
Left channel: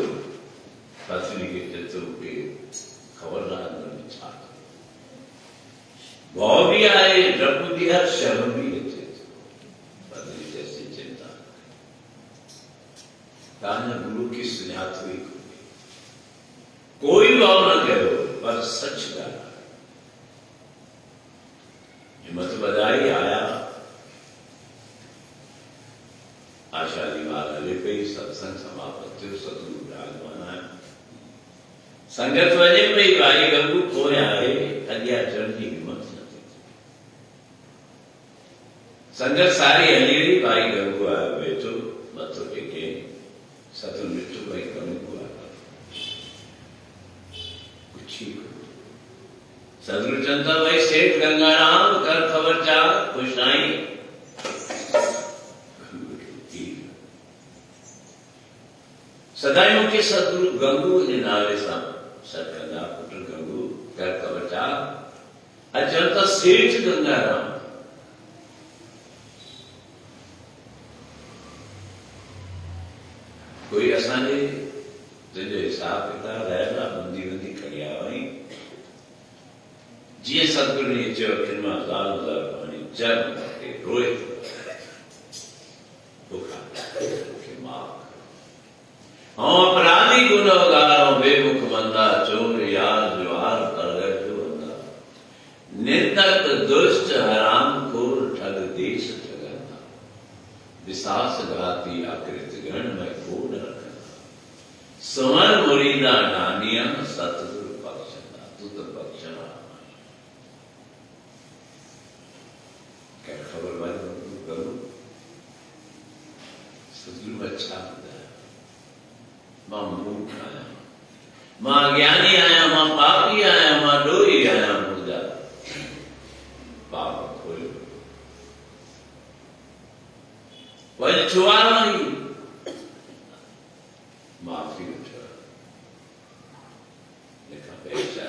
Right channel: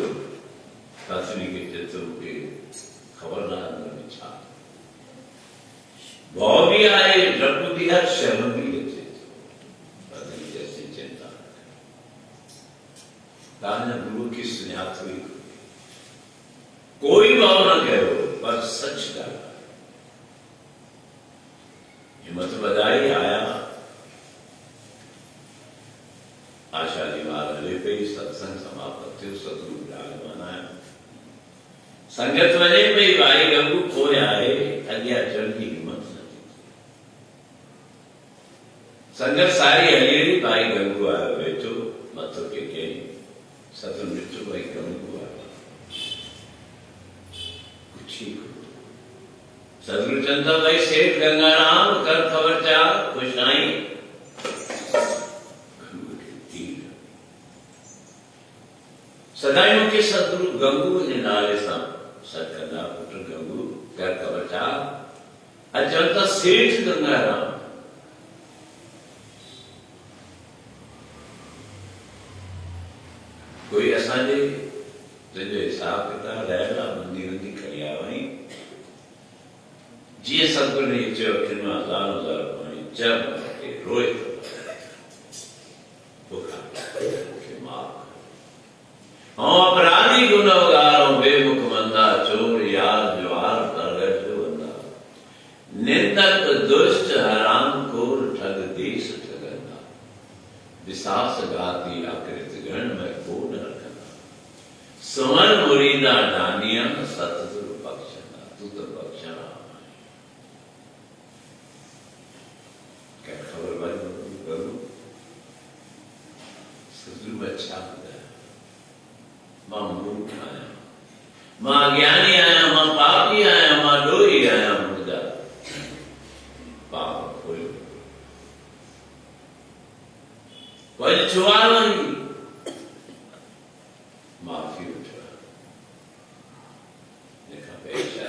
पत्नी के चित्र के खबरदार में छा भाव भी आए, द्रौपदी हर शर्म भी लेते पत्नी जैसी चिंता ताना गुरु की स्नेहात हुई कोई भाव न कहो पर सच का हिम्मत बधाई आया आशा दीवार हले पे सत्संग समापत्ति सतगुरु विराजमान है संगत वजह पे भाई गंगू खोया है अज्ञा चरण की हिम्मत नहीं संगत सारी हलीड़ी भाई गंगू आया बैठो मत के सतु मृत्यु भाई गंगू आया कुछ ही सदगुरु चंदा भाई सेठ गंगाराम कर खबर चा खुश आई सदायों के सदगुरु गंगू ने नाले सा सरकंदा पुत्र गंगू कर कवचा अजंता सेठ गंगाराम कोई असांजे तुझे हिसाब किताब रहना बंदी बंदी करिया वही जी सदगुरु ने जो किन्ना हजार पानी जब के रोए के मार हाँ अपराधी गुनहगारों बेमुख बंदा चोर याद व्यवहार कर गए जो बंदा निंदक दुष्ट हराम खोर ठग देश ठगना विश्वास घाती आकृत गण में को न रखना समर लीला दानिया सतगुरु बख्शना, तू तो बख्शना। क्या खबर भाई करूं? सतगुरु अच्छा है। मां मूर्ख आया, मां ज्ञानी आया, मां पापी आया, मां डोरी आया, मुझा पाप खोल वही छुआना ही माफी उठा लिखा पेशा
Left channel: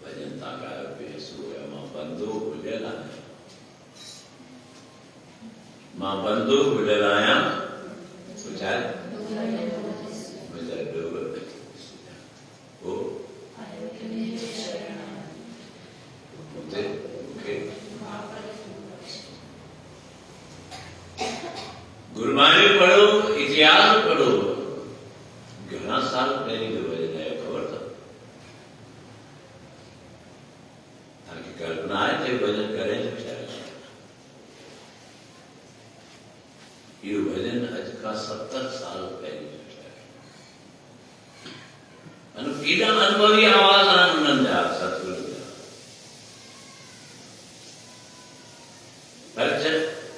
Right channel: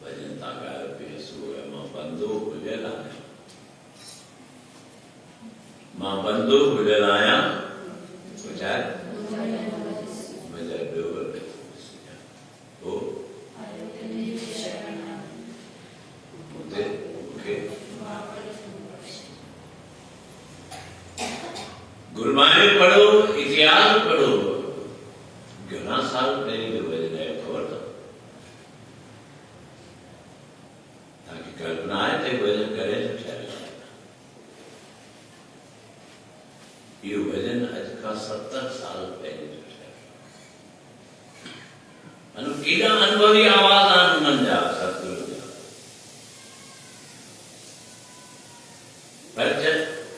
भजन ताका पेश हुआ। मां बंदो गुजराया, मां बंदो गुजराया विचार मेरा डोबर ओ गुरबानी पढ़ो, इतिहास पढ़ो। घना साल पहले जो भजन है खबर था, ताकि कल्पना है थे भजन करें तो क्या ये भजन आज का 70 साल पहले जो है अनुभवी आवाज आनंद आ सतगुरु पर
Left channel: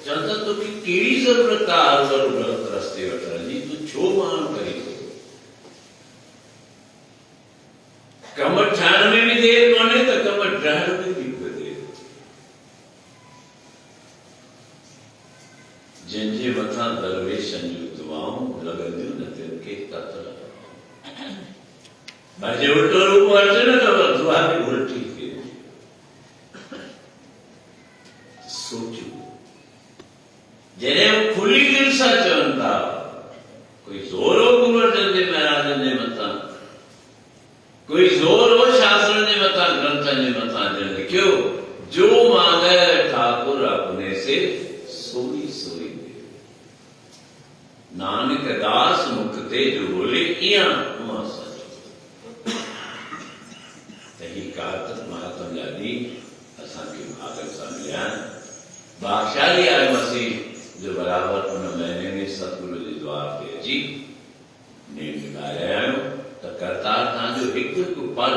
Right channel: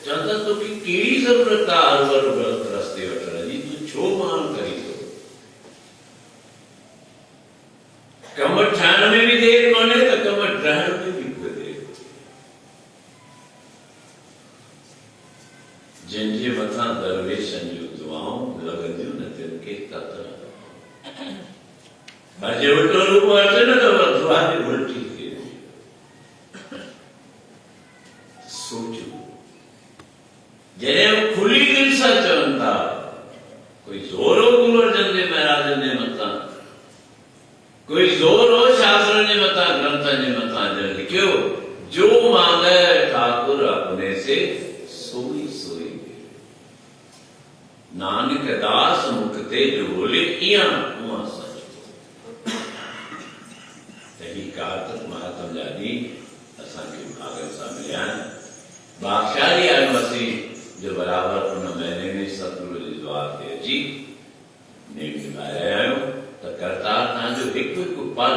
चलता तो कि केड़ी जरूरत आ अलवर गलत रस्ते वठण जी, तू छो मान करी तो कमर ठाण में भी देर कोने तो कमर ठाण में भी कोई देर। जंहिंजे मथां दरवेशन जूं दुआऊं लॻंदियूं न तिनखे कतल। पर जे उल्टो रूप अचे न त दुआ बि उल्टी थी वेंदी। सोचो जॾहिं खुली दिल सां चवनि था, कोई ज़ोर हो गुरु अर्जन देव महाराजनि जे मथां, कोई ज़ोर हो शास्त्रनि जे मथां, ग्रंथनि जे मथां, जंहिं लिखियो जो मांगे ठाकुर अपने से सोई सोई दे। नानक दास मुख ते जो बोले इयां उहां सच। यही कार्तिक महात्म जा ॾींहुं असांखे भागनि सां मिलिया आहिनि। भागशाली आहे मसीह जो बराबर उन महीने में सतगुरु जे द्वार ते अची नेम निभाए रहिया आहियूं त करतार तव्हांजो हिकु हिकु पल,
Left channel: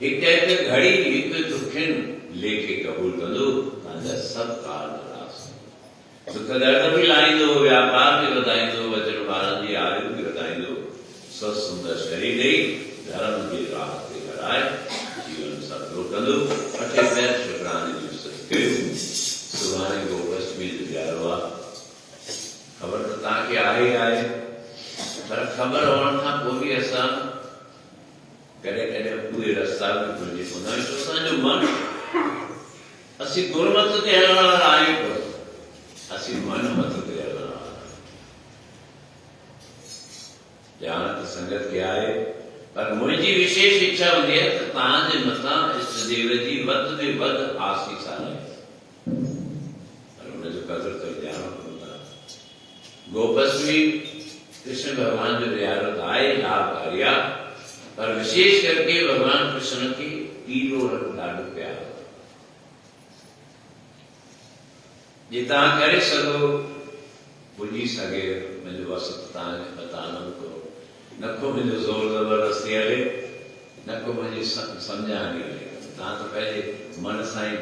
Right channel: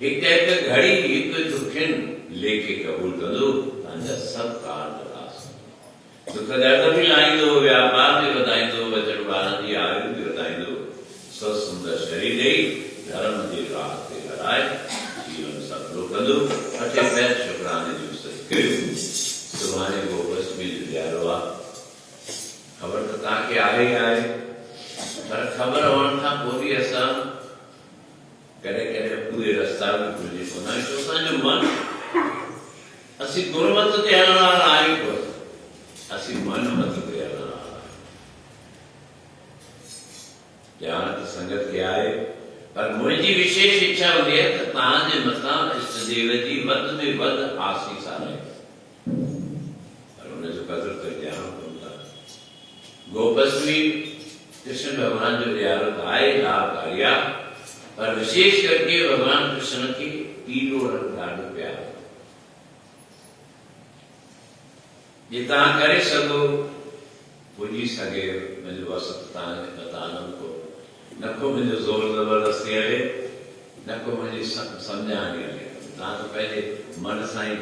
हिकु हिकु घड़ी, हिकु हिकु खिन लेखे क़बूल कंदो। तव्हांजा सभु कार्य रास दुख दर्द बि लाहींदो, व्यापार बि वधाईंदो, वचन ॿारनि जी आयु बि वधाईंदो, सो सुंदर शरीर ॾेई धर्म जे राह ते हलाए जीवन सफलो कंदो। अठे पैर शुक्राने जो सत्कर्म सुभाणे गोअष्टमी जो ॾियारो आहे। ख़बर त तव्हांखे आहे, पर ख़बर हुअण खां पोइ बि असां कॾहिं कॾहिं उहे रस्ता बि भुलिजी पवंदा आहियूं। छो असांजो मन, असीं गुरमत ते हलण वारा आहियूं, पर असीं मन मत ते हलण वारा ॼाण त संगत खे आहे। पर मुंहिंजी विशेष इच्छा हूंदी आहे त तव्हांजे मथां इष्टदेव जी वधि में वधि आसीस आहे, पर हुनजो कदुरु करे ॼाणो कोन था। गोअष्टमी कृष्ण भगवान जो ॾियारो त आहे, लाभकारी आहे, पर विशेष करके भगवान कृष्ण खे पीलो रंग ॾाढो प्यारो। जे तव्हां करे सघो, पुॼी सघे, मुंहिंजो वसत तव्हांखे बतानंद को नको मुंहिंजो ज़ोर ज़बरदस्ती हले, नको मुंहिंजी सम्झाणी हले। तव्हां त पंहिंजे मन सां ई,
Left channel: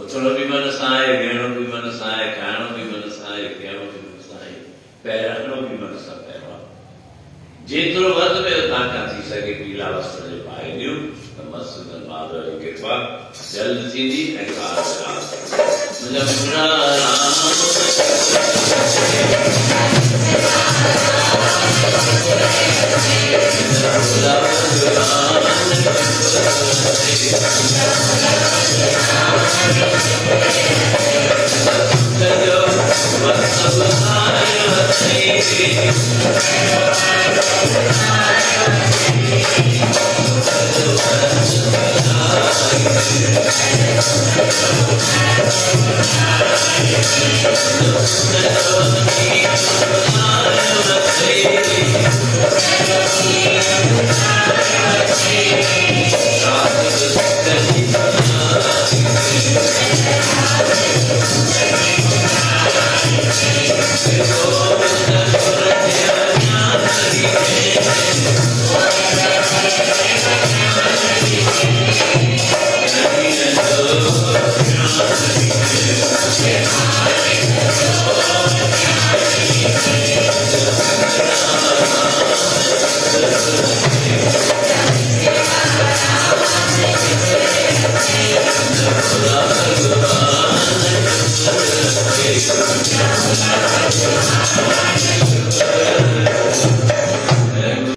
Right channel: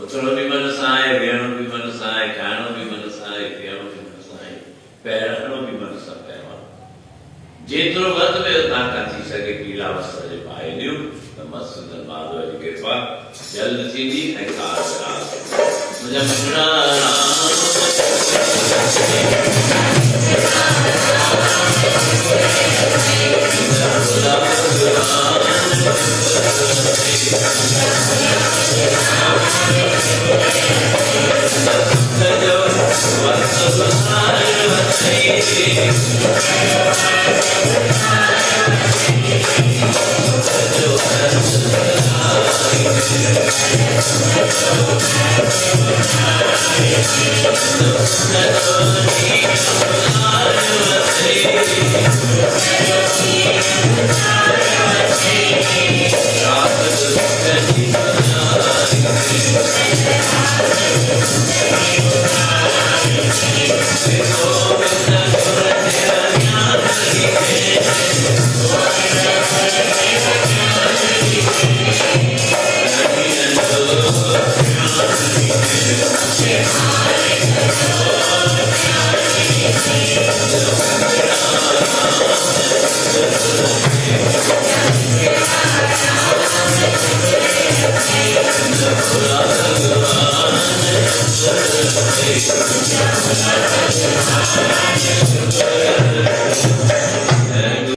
उथणो बि मन सां आहे, वेहणो बि मन सां आहे, खाइणो बि मन सां आहे, पीअणो बि मन सां आहे, पहिरणो बि मन सां पियो आहे। जेतिरो वधि में ताक़त थी सघे पीला वस्त्र जे पाए ॾियो त मस्तु माधव जी कृपा जल्द थींदी ऐं Thank you.